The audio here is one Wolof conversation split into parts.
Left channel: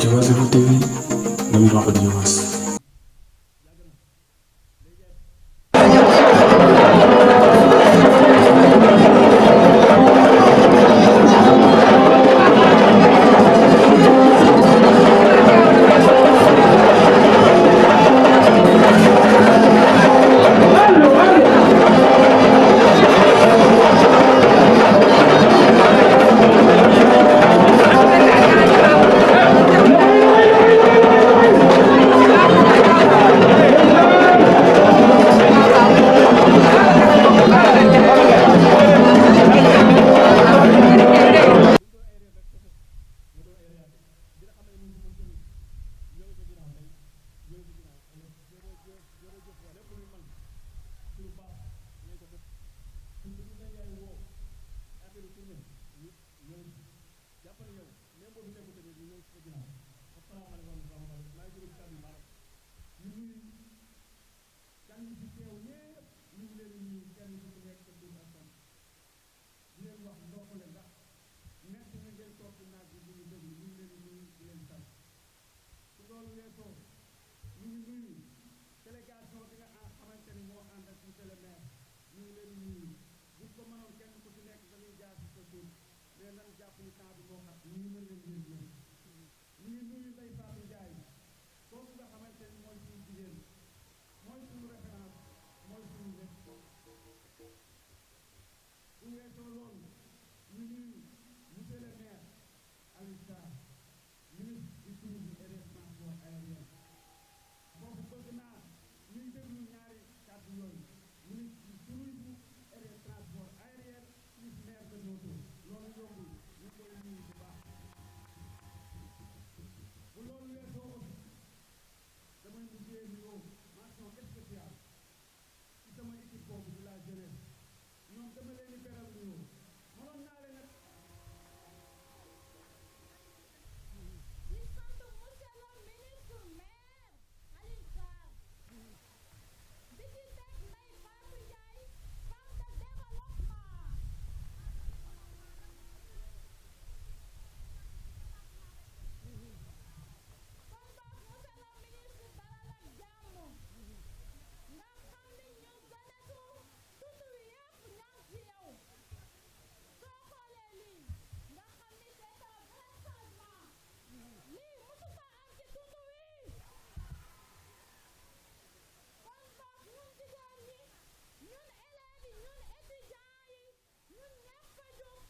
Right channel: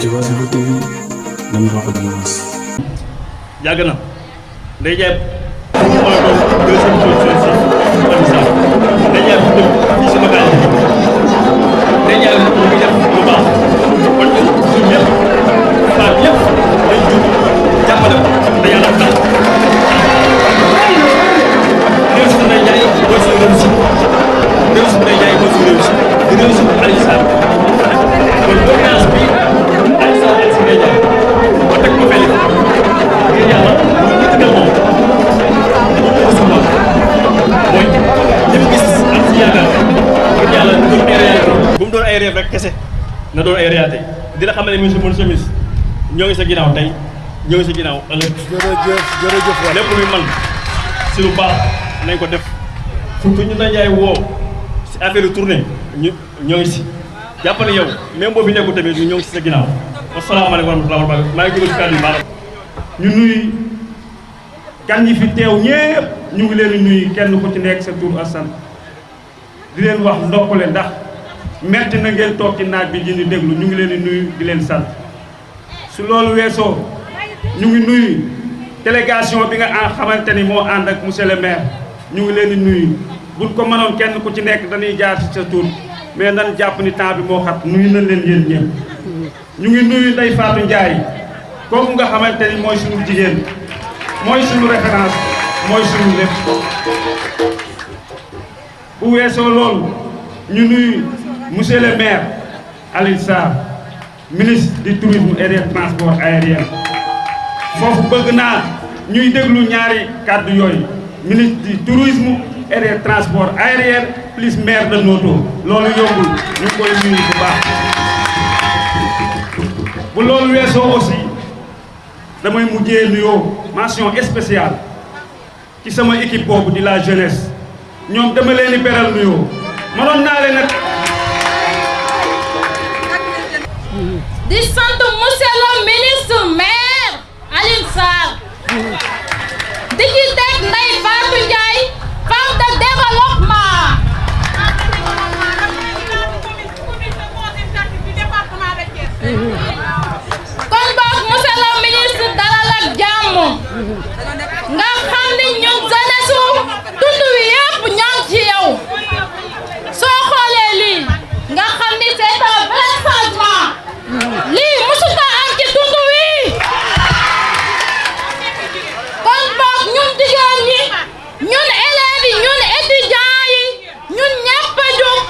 Diobass Info TV dama wax ak Diobass. yàgg na day jaay na doon ay réalité dina xam ne monsieur monsieur Miss ñoo ngi sa ginnaaw tey ñoo ngi sa ginnaaw ëllëg. jërëjëf lépp luy man si lu baax nañ ko def surtout ñu dañ yaay woo si affaire tournée ñoo ngi si jàpp ne yow même boo fi nekkul tamit ñoo ngi si sa ginnaaw asalaamaaleykum wa rahmatulah wa barakatuh maa ngi jóge si kàddu yi baax ñu nuy gan ñi fi teew ñépp ñu ngi leen di nuyu kenn ku ci nekk sa tur ak sant di leen wax ndokkale ndax metti na ngeen toog ci naaj bi di ñu déglu ñu ngi leen di nuyu di leen sant su loolu weesoo ñu ngi nuyu délégation bi nga xamante ni moo ànd ak monsieur le maire ñu ngi leen di nuyu buñ ko mënoon kenn ku ci nekk dañuy jaar ci sa tur mais nan jàpp ni temps bi moo xat nuyu nañ leen yéen ñëpp ñu ngi nuyu Ndeye Fatou Ndiaye kooku nga xamante ni mooy suñu jigéen mooy suñu référence mooy suñu lépp bu weesoo loolu ñu nuyu monsieur le maire Alioune Sarr ministre du tourisme et des transports aériens foofu bëgg naa ñuy déglu ñaari kàddu yooyu ministre du tourisme et des transports aériens plus maire de Noto loolu yombul ñu ngi koy nuyu bu baax. bu loolu weesoo aussi damay mujjee nuyoo mention spéciale ci sama équipe boobu di la jeunesse ñoom dama leen di beral nuyoo mënoon naa leen di sant monsieur le ministre maire Alioune Sarr di ci teg Ndeye Fatou Ndiaye femme de développement kon boog monsieur le ministre dalal ak jàmm nga xam ni ñun jeunesse tund wi yëpp ñoo ngi ci yow soo xoolee lii nga xam ni c'est un vrai changement lii musuta am ci tund wi kon boog ñun jigéen ñi ñun élèves yi ñun étudiants yi ñun ñëpp a jóg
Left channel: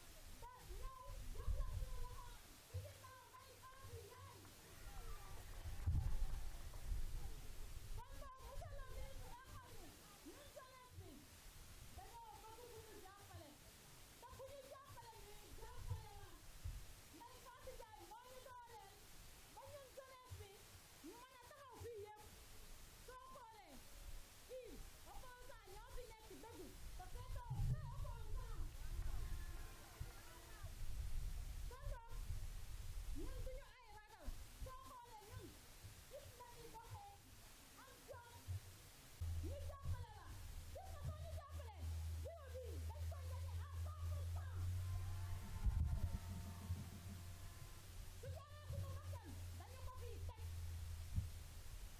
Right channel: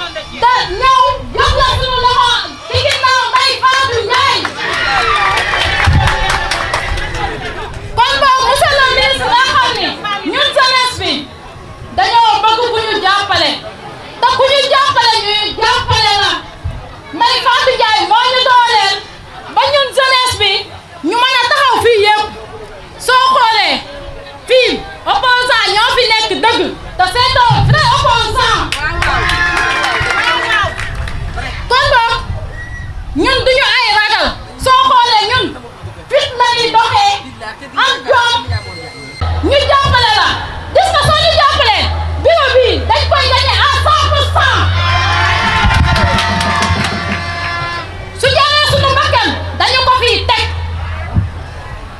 te ñëw jox la suñu loxo ci ginnaaw Ndeye Fatou Ndiaye kon boog monsieur le ministre nga xam ni ñun jeunesse bi dañoo bëgg ku ñu jàppale te ku ñu jàppale ñuy jàppale la Ndeye Fatou Ndiaye moo ñu dooleel ba ñun jeunesse bi ñu mën a taxaw fii yëpp soo xoolee fii opposant ñoo fi nekk dëgg te c'est un vrai opposant kon boog ñun duñu ay ragal soo xoolee ñun fit la ñuy doxee am jom ñu jàppale la gis nga soo ñu jàppalee bureau bi dañ koy gagné à 100%. su jaaree suñu mbakkan dañu ko fii teg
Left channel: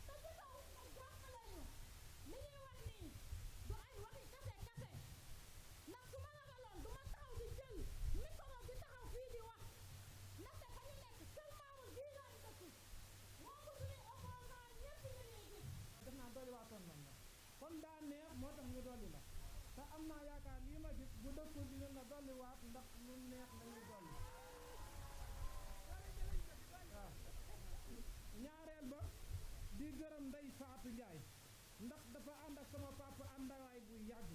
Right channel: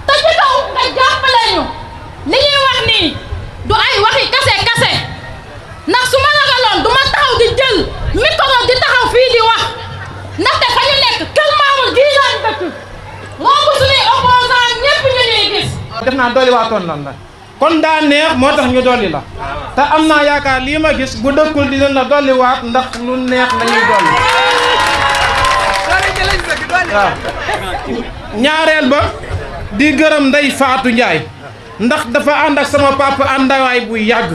te ci kaw nga jàppale ñu li ñuy wax nii du ay waxi kase ndax su ma ragaloon du ma taxaw di jël micro di taxaw fii di wax ndaxte fa ñu nekk kër Mamour gii laan dëkk romb suñuy opposant ñëpp ñu ñuy gis. def naa dolli waatoon lan la kon daa neex moo tax ñu dolli la te am naa yaakaar lii ma gis bu dëkkul di leen la dolli waat ndax lu neex la ñuy dolli waaw ñaareel ba di gërëm Ndeye Fatou Ndiaye ndax dafa ànd ak sama papa àndawaay bu yàgg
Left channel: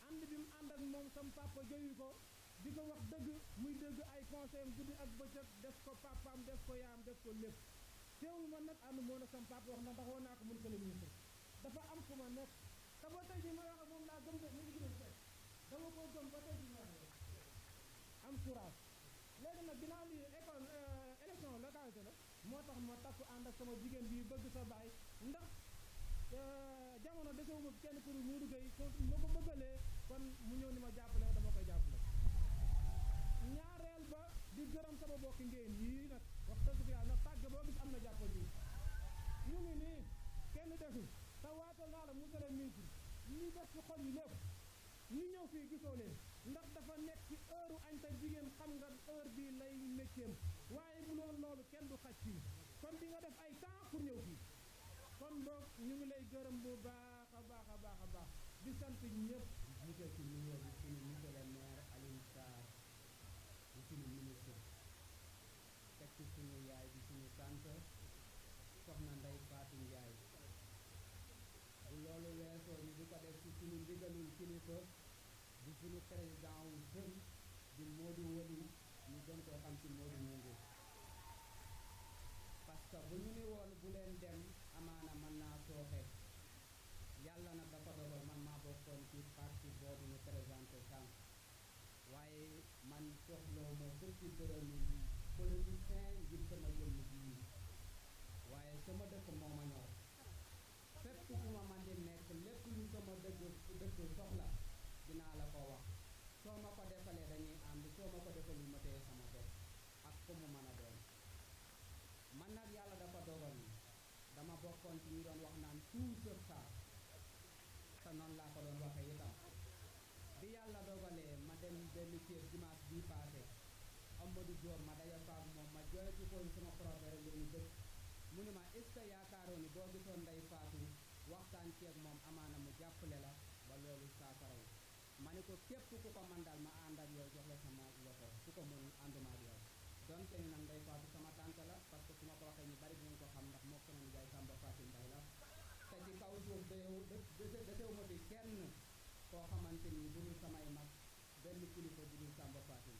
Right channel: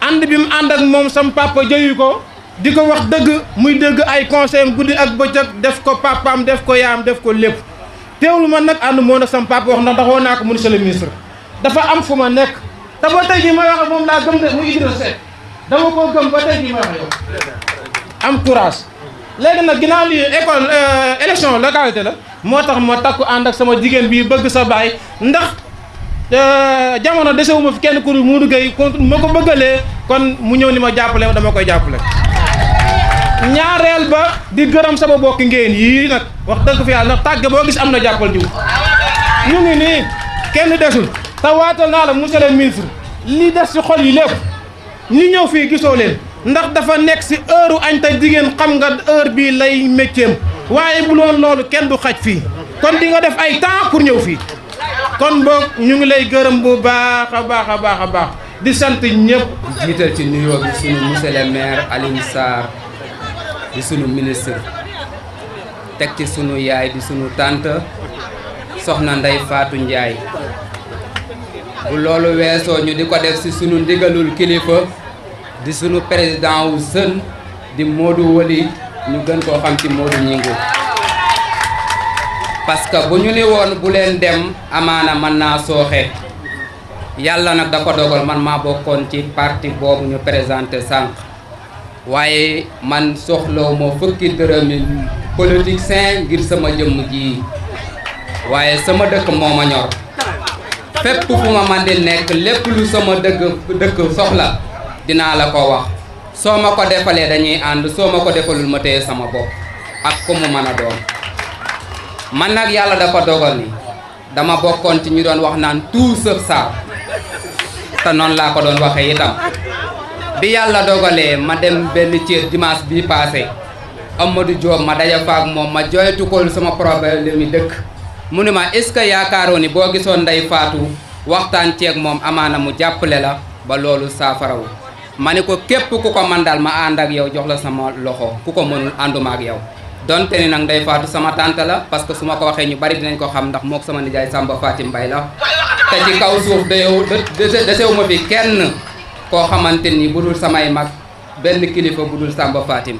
ànd bi mu ànd ak moom sama papa jëyu ko di ko wax dëgg muy dëgg ay conseil guddi ak bëccëg def ko papaam def ko yaam def ko lépp teewlu man nag ànd moo nag sama papa wax ndax woo naa ko monsieur le ministre dafa am fu ma nekk te ba tey jii may wax ak moom laa gëm de mu Idrissa Seck dama koo gëm ba tey jii may wax yow am courage léegi nag ginnaaw lii école élection localité la moo tax ma takku ànd ak sama jigéen bii bëgg sa baay ndax jamono desewuma fi kenn ku Modou Gueye kon ma ko bëggalee kon mu ñëw ni ma jàppale dama koy jàppale ñaareel ba di gërëm sama bokki ngeen yii nag wax dëgg fi yàlla ndax tàgge boo gis am na jàppal jiw ñu ngi nii kenn desul te waatal naa la monsieur le ministre li des ci xol yi lépp ñi ñëw fii gisoo leen ndax dafa nekk ci heure añ te jigéen xam nga heure bii lay métier waaye bu loon loolu kenn du xaj fii kon di nga def ay temps pour ñëw fii kon boog ñu ngi lay gërëm bu baax a baax a baax a baax di sant ñëpp. jiital ci nuyoo bi sunu monsieur le maire Alioune Sarr di sunu ministre teg ci sunu yaay di sunu tante soxna Ndeye Fatou Ndiaye bu loolu weesoo ñu di ko def ci sunu ndigalul kilifa di sunu président wu jeune di Modou Wali ñu gën koo xam ci Modou Ñingu parce que bu ñu ni woon bu leen dem amaana mën naa sooxe yàlla nag da ko dogal man maa bokkoon ci parti boobu ñu présenté sànq waaye man soxlaw ma fukki dërëmi politicien ngir sama jëmm ji waaye sama dëkk moo ma ñor fépp fu ma man di nekk lépp lu sama dëkk soxla dinaa la ko wax soo ma ko defalee dañuy ànd soo ma ko defalul ma téye sama bopp ak ku mu mën a doon man nag yàlla dafa dogal ni dama bokkoon ci ñu doon wax naan tout sauf ça te noonu laa ko doon waxee itam bi yàlla dogalee ma dem benn Thiès dimanche bii passé Amadou Diop ma daja faak moom ma joytu ko sama problème mi dëkk mu ne ma est-ce que yaakaaroo ni boo gisoon Ndeye Fatou waxtaan ceeg moom amaana mu jàppale la ba loolu saafarawu ma ne ko képp ku ko man daal ma ànd ak yow jox la sama loxo ku ko mënul ànduma ak yow donte ni nag Ndeye Fatou sama tante la parce que su ma ko waxee ñu bari dinañ ko xam ndax mook sama nijaay Samba Fatim Mbaye la te ci kaw suuf desewu ma fi kenn koo xamante ni bu dul samay mag benn kilifa bu dul Samba Fatim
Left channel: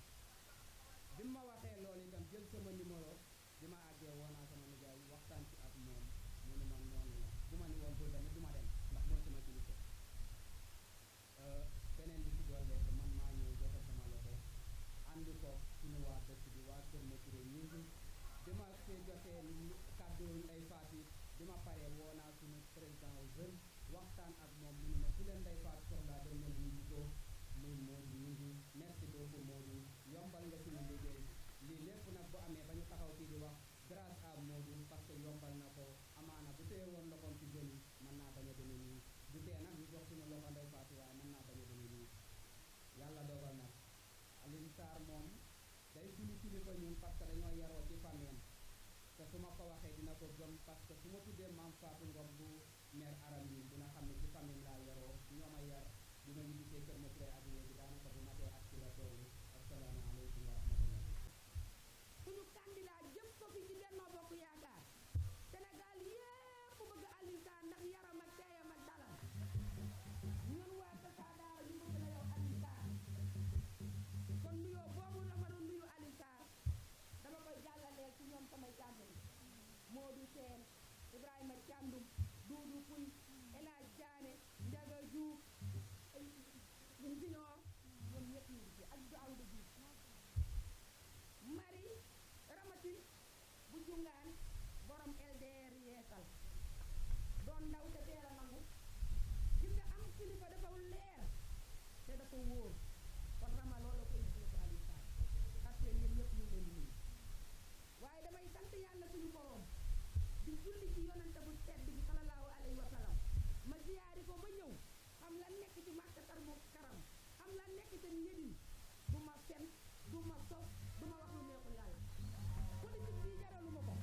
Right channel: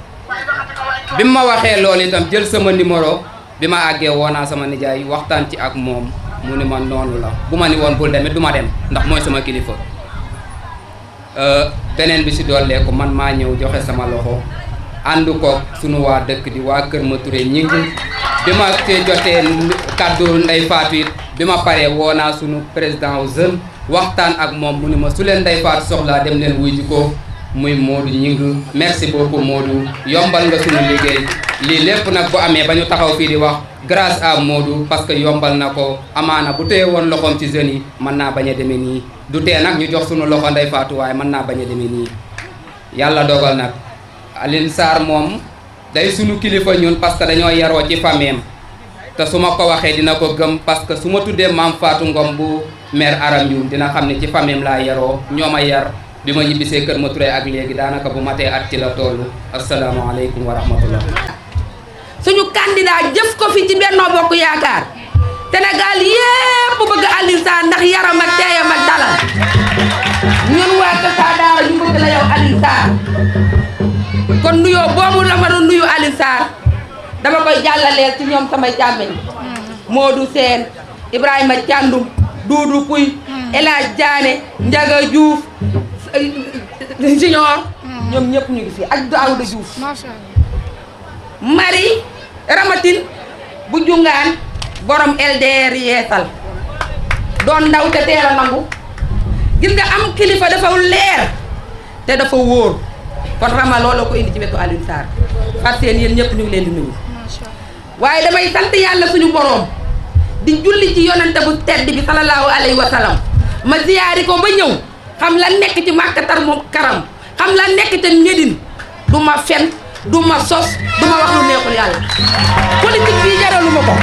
bi ma waxee loolu itam jël sama numéro bi ma àggee woo naa sama nijaay waxtaan ci ak moom mu ni ma noonu la bu ma ni woon bul demit du ma dem ndax mooy sama kilifa beneen bi si dolleeku man maa ñëw joxe sama loxo ànd ko sunu waa dëkk di waa Kër Maturé ñing bi ma te jotee kàddu Ndeye Fatou it bi ma paree woo naa sunu président wu jeune waxtaan ak moom mu ni ma su leen Ndeye Fatou soxlaa dem leen wuy ji ko muy Modou ñing merci beaucoup Modou yombal nga sunu liggéey lii lépp nag bu amee ba ñu taxaw fii di wax grâce à Modou parce que yombal na ko amaana bu téye woon loxoom ci jeunes yi mën naa bañ a demee nii du tee nag ñu jox sunu loxo Ndeye Fatou waaye mën naa bañ a demee nii yàlla dogal nag Alioune Sarr moom day sunu kilifa ñun parce que dañoo yaroo ci famille te su ma ko waxee dina ko gëm parce que su ma tuddee maam Fatou Ngom bu maire Aram Youm dina xam ne ci famille laa yaroo ñoo ma yar bi ma ñibbisee Kër Maturé ak léegi daanaka bu matee at ci la toll asalaamaaleykum wa rahmatullah. suñu candidat jëf ko fi ci Benno Bokk Yaakaar Sénégal yépp bëgg Alioune Sarr ndax yaram ak teeyam ak dalal ñun waa Kër Saadaara ñu bëgg la yow Alioune Sarr kon nuyoo boobu la ma doon nuyu Alioune Sarr dama koy jàllaleel ci ñoom samay càmmeñ Modou Sène Ibrahima Thiandoum Doudou Pouy El Hadj Diané Ndiaga Diouf Junior ñoom ñëpp ñu ngi fi ak Daouda Diouf Marie Ramatine bu jungaan borom LDR yeesal doon ndaw te teel a nangu gis nga am kilifa dafa leer te dafa wóor kon Rama looloo ko indi ci wetu Alioune Sarr far seen yéen ñëpp ñu ngi leen di nuyu waaye damay sant yàlla suñu boroom di julli ci yonante bu tedd bi salallaahu alayhi wa sallam ma ziyaari ko ba ñëw xam la nekk ci màkkatar moom karam xam la nekk ca Médine du ma fen du ma sos du ma wax lu neexul yàlla politique bii jaralu ma ko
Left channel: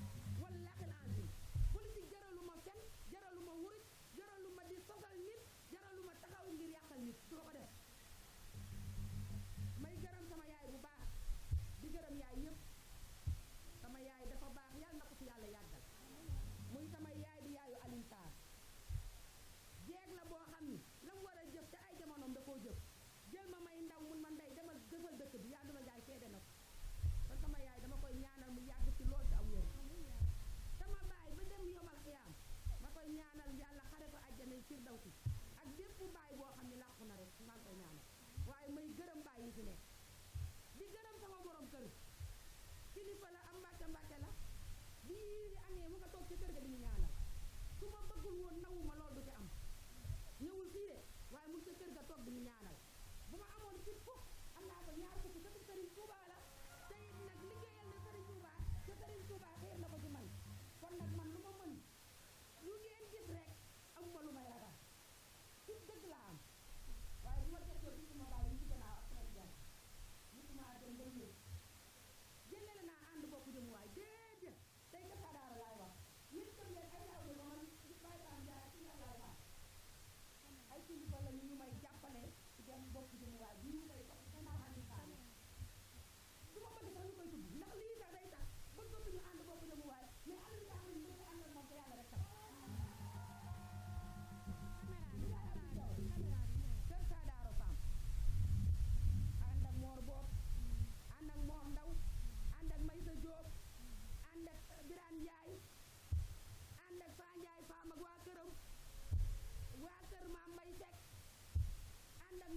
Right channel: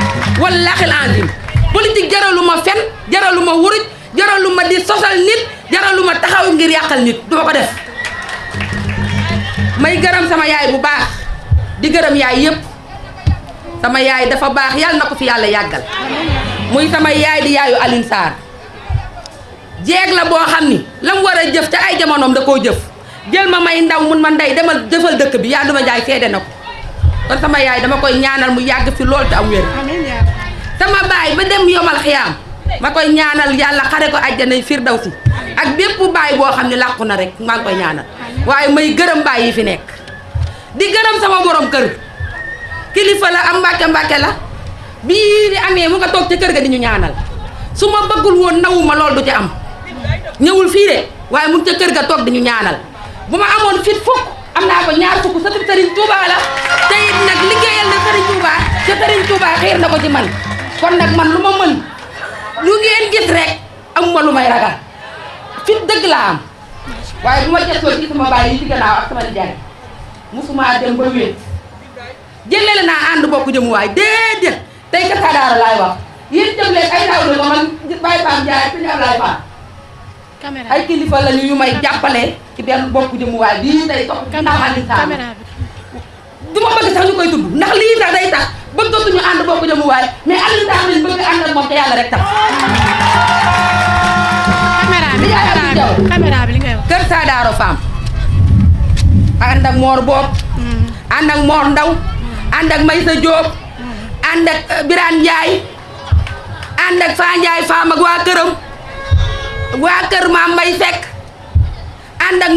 wallaahi azim politique jaralu ma fen jaralu ma wuruj jaralu ma di sosal nit jaralu ma taxaw ngir yàqal nit du ma ko def may gërëm sama yaay bu baax di gërëm yaay yëpp sama yaay dafa baax yàlla na ko fi yàlla yàggal muy sama yaay di yaayu Alioune Sarr jeeg la boo xam ni la mu war a jëf ca ay jamonoom da koo jëf jël ma may ndaw mun ma ndey demal jëfal dëkk bi yaa duma jaay seede na ko kon sama yaay dama koy ñaanal mu yàgg fi lool te am wér sama baay ba dem yomal xiyaam ma koy ñaanal yàlla xare ko àjjana firdawsi ak bépp baay boo xam ne làqu na rek maa ngi koy ñaanal waaye may gërëm baay yi fi nekk di gërëm sama borom kër kilifa la am mbàkke la bii di amee mu nga toog ci kër ga di ñu ñaanal su ma bëggul woon nawuma lool du ci am ñëwul fii de waaye mu ca kër ga toog di ñu ñaanal bu ma amoon fit fukk am naa ko ñaar fukk sëtu Serigne Touba la te it nag liggéeyal na Serigne Touba te Serigne Touba xiir na ko ci man kon nag man lu ma mën lu ngeen gis rek amuma lu may ragal fit dëgg laa am waaye bu ma gëstoo ci sama baay yi ci gannaaw ak sama nijaay musuma dem ba wéet jëlele naa ànd bokk jëmuwaay déedéet tey Kër Daara laay wax yéen jëm leen ay taw la man Baye Pam Ndiaye suñu Ablaye Fall ay kilifa lañu yu may jàppale ci benn bokk jëmuwaay bii tey topp ndax Aliou Sall du ma bëgg sax ñu koy tudd ndax lii sax day tax bëggatuñu ànd bokk jëmuwaay mais Aliou Sall lañ bëgg ànd ak moom te yàlla rek tax. caméra bi li ngay wax Kër Daara Fam ànd ak Mor Boob ànd ak Mor Ndaw ànd ak Maysa Diop ànd ak Birane Ndiaye ànd ak Fa Ndiaye Fam ak waa këram waa kër Maam Mbay Seck ànd ak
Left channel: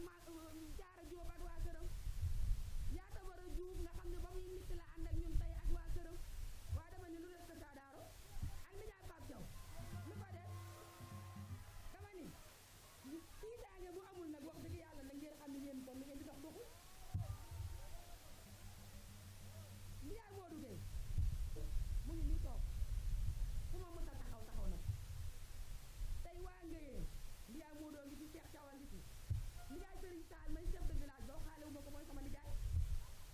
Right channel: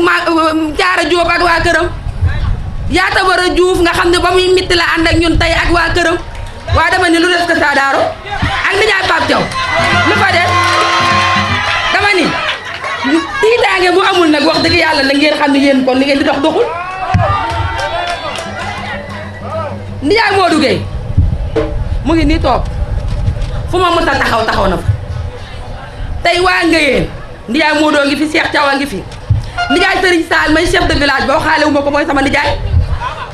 Jaara Diop ak waa këram yaata war a Juuf nga xam ne ba muy mitti la ànd ak ñun tey ak waa këram waa dama ni lu des Kër Daara ak nijaay Pape Thiaw lu fa des dama ni tiitaange bu amul nag wax dëgg yàlla nag ngeen xam ne yéen kon li ngeen di dox doxul nijaay Modou Gueye mu ngi nii toog fu ma mës a taxaw na fa tey waa Ngéyeen nijaay Modou ngi fi Cheikh Thiaw a ngi fi nijaay Serigne Sall may chef de village ba waxaale wu ma ko mooy sama nijaay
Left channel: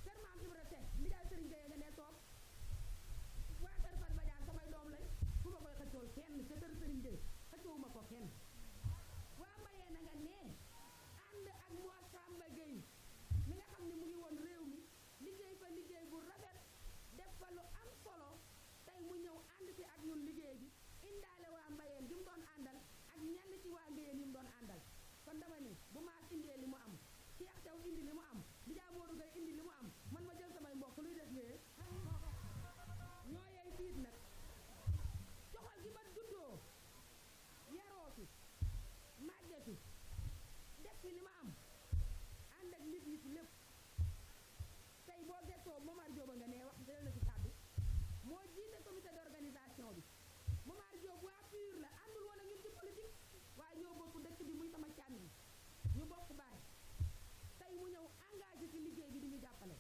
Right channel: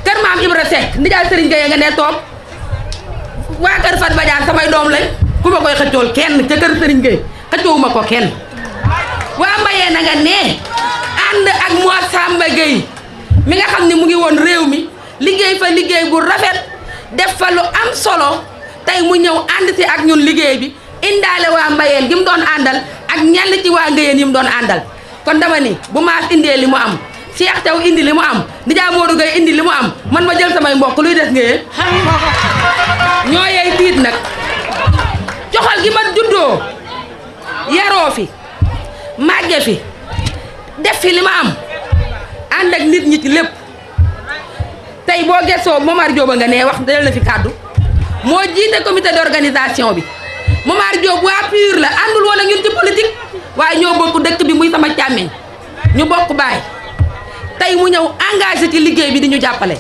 kër maam Ibra Seck nijaay Serigne Gueye nga ne toog waa kër Fat Badiane samay doom lañ ku ma koy xëccool kenn ca kër Serigne Gueye xëccoowuma ko kenn waa Mbayee na nga ne ànd ak Mor Samba Gueye mi nga xam ne mu ngi woon réew mi liggéey fa liggéey bu rafet def fa lu am solo tey mu ñëw ànd si ak ñun liggéey bi indaale waa Mbayeen gi mu doon àndal ak ñenn ci waa Ngéyeen yi mu doon àndal kon dama ni bu maas indee li mu am Cheikh Thiaw indi li mu am nijaay Modou Gueye indi li mu am man ma jël samay mbokk luy des Ngéyeen ñoo yey tiit nag joxal gi ma juddoo yaroo fi màgge fi def fi li ma am ànd ak nit ñi ci lépp tey boo gëstoo Momar Diop nga ne wax dal na fi kàddu moo jiite comité d'organisation bi Momar Diop waa PUR la àndul woon ak ñun ci politique waaye ñoo bokk dëkk bi muy sama càmmeñ ñu bokk baay tey mu ñëw engagé ci liggéey bi di ñu jàppale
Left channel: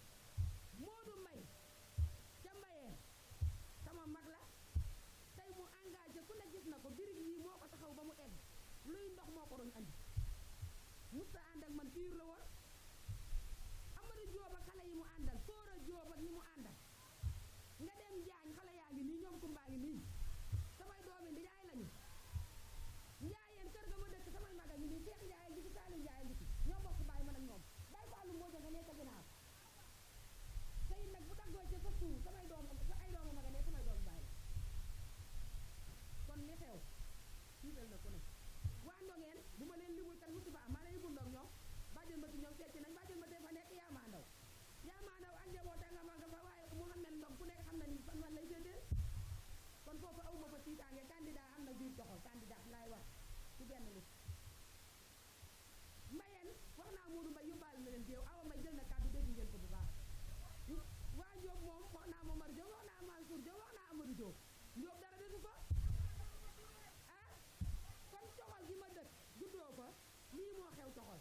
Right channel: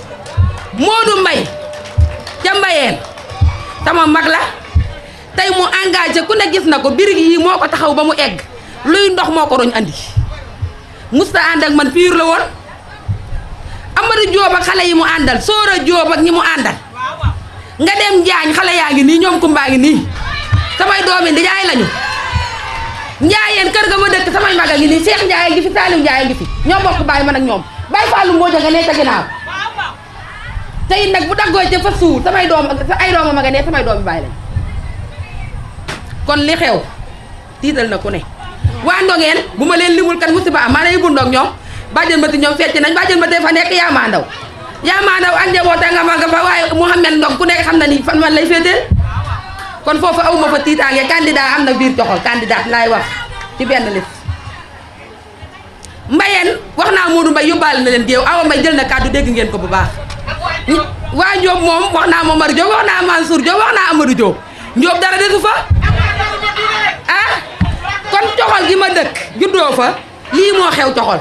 Modou Mbaye ca Mbayeen sama mag la tey mu engagé ku ne gis na ko birig yi moo ko taxaw ba mu egg luy ndox moo ko roñ andi musta ànd ak man PUR la woon Amadou Diop ak xale yi mu àndal Soora Diop ak ñi mu àndal nga dem Njaañ xale yaa ngi nii ñoom kumbaa ngi nii samay doomi ndijaay lañu Njaayeen kër ga ma dëkk samay mag a ngi nii Cheikh Ndiaye ngi fi Saliou Ndiaye ngi fi ñoo bokk bàyyi man ak ñoom Baye Fallou Mbodja nga nee ca ginnaaw tey nag bu daggoo ca fa suur samay doom ay dooma ma nga nee samay doomi bàyyi lañ kon li xew tiital na ku ne waa Ndongeen bu ma leen limul kan musiba am maa ne yóbbu ndog ñoom bàjjen ba ti ñoom fecc nañ bàjjen ba tey fa nekk yaa maa ndaw ak njaboota nga ma nga fa waaye Mouhamed Ndong ku nekk xam na ni fan man lay féeteel kon foofu awuma fa tiitaange candidat am na biir joxol candidat laay wax ci benn liste Mbayeen wax naa Modou Mbaye yóbbaale na leen géew Awa Mbaye jël na kàddu dégg ngeen ko bu baax waa Diop moom wax naa Momar Diop wax naa Mansour Diop wax naa Amadou Diop Diop dara desu fa ah kon coxol gi ma dëkk juddoo fa lii moo xew coxol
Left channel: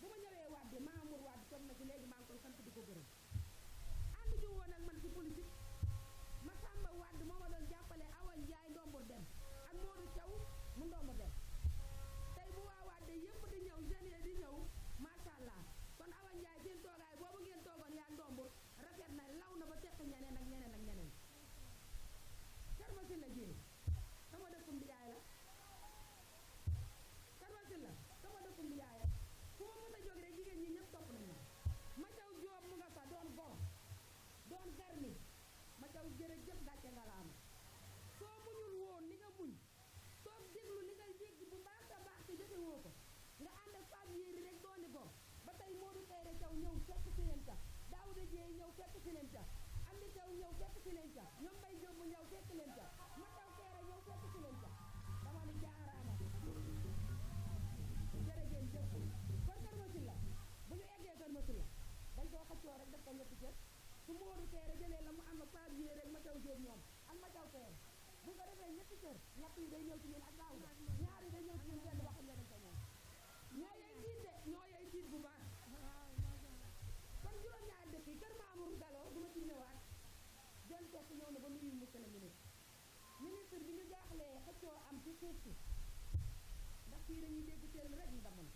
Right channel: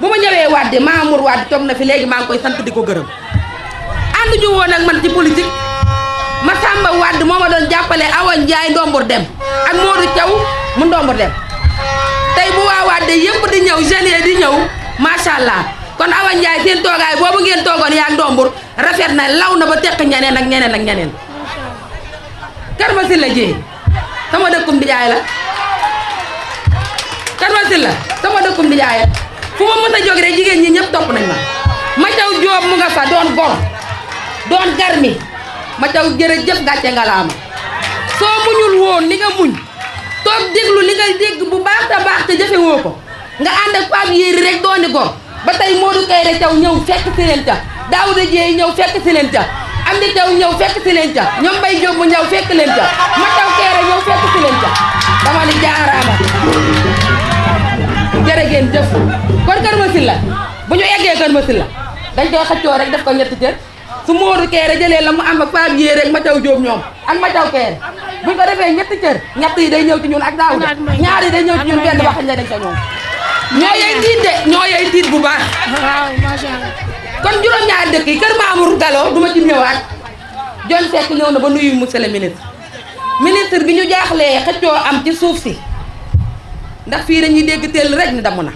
bu ma ñëwee Wade Mamour Wade toog na fi léegi maa ngi koy sant di ko gërëm ànd ñu woon ak man ci politique Massamba Wade moo ma doon jàppale Awa Ndiaye ndombur dem ak Modou Thiaw mu ndombur dem tey bu waa Wade yëpp di ñëw jeunes di ñëw macha allah kon Awa Ndiaye seen toogaay boobu ngeen toogoon yaa ndombur rafet na law na ba teq ñeneen ak ñeneen ak ñeneen Kër Masila Dieye sama dëkkum di jaay la Kër Masila sama dëkkum di jaay fu ma mës a jóg rek jigéen ñi ñëpp topp nañ ma taw Jóob mu nga fa doon gor doon garmi ma taw jërëjëf gàcce ngalaama soo muñul woon li nga muñ toog déglu li nga dégg bu baax te baax te jëfe woo ko nga ànd ak Pape Yéri rek dooni gor ba tey Modou Kayre Thiaw ñëw fekk si leen ca Daouda Dieye ñëw fekk si leen ca Amdi Thiaw ñëw fekk si leen ca ñoom Mbaye Diop mu ñëw fekk leen ca ma taw Kayre ñëw fekk si leen ca dama ni jaaraama jërë ngeen jëf kon Kër Masila bu ñu eggee Kër Masila dañ koy xëccoo rek def ko ñetti cër su Modou Kayre jëlee la mu am ak Pape Yéri rek ma taw Diop ñoom ak ma taw Kayre bu ñu ko defee ñetti cër ñett yi day ñëw ci ñun ak Daouda ñaar yi day ñëw ci ñun benn waxañ la dañ ko ñoom ñoo yey tiit de ñoo yey tiit bu baax. waaw macha allah. kon juróom-ñaari dëkk yi kër Mamour Gallo duma ci ñëwaat John Seck ñëw na ba nuyu monsieur le ministre bi ñu jaaxlee xëccoo am ci suuf si ndax fii dañuy dégg teel rek ni damm na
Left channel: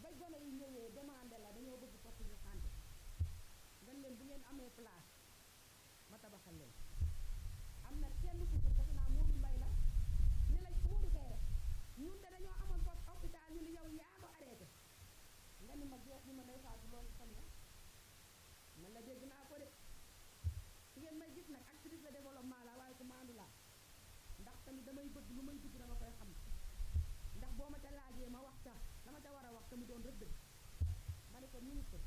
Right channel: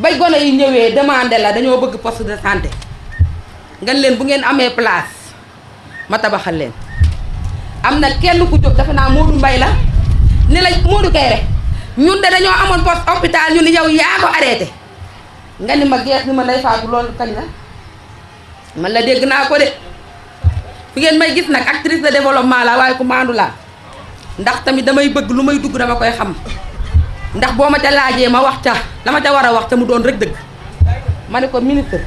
bay gone yi ñëwee demandé la dañoo bëgg poste de santé nga leen bu ngeen amee place ma tabaxal leen. am na kenn ku jóg dafa naa Modou Mbaye la ni la Modou Kayre ñun de dañoo amoon poste hôpital ñu ni yow yaa ko arrêté nga ni ma gees ni ma lay faatu loolu kañ la man la dégg naa ko de fi ngeen may gis nag actrice de développement la waaye ku maandu laa ndax tamit damay bëgg lu may dugg dama koy xam ndax boo ma ca laajee ma wax ca la ma ca war a wax ca mu doon rek dëgg ma ne ko ministre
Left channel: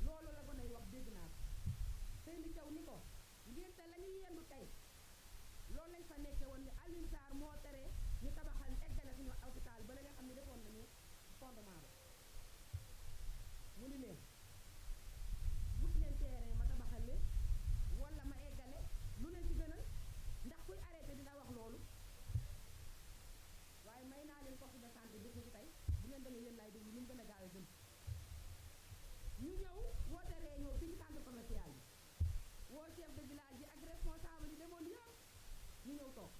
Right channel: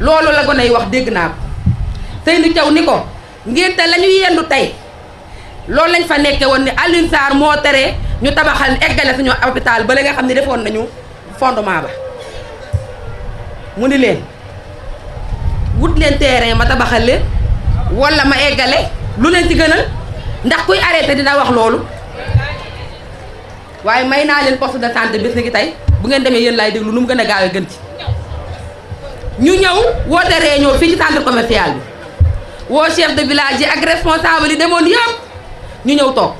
loolu la gone yi wax dégg naa ko Seydou Thiaw ni ko ngénte la ñu yendu tey loolu lañ fa nekke woon ni Alioune Sarr moo tere ñu tabaxal eggale suñu hôpital ba la nga xam ne defoon nañu fondement ba mu ni leen wut leen terrain ma tabaxal leen wala ma eggale lu leen ci gënal ndax kuy arrêté dina wax loolu waaye may naa leen poste de santé bis ni ki tey bu ngeen demee yéen laay déglu nu mu gën a gaaw a gën ci ñu ñëw woote réunion fii ci centre commercial bi woo chef de village yi ak responsable yi demoon yëpp ñu ñëw toog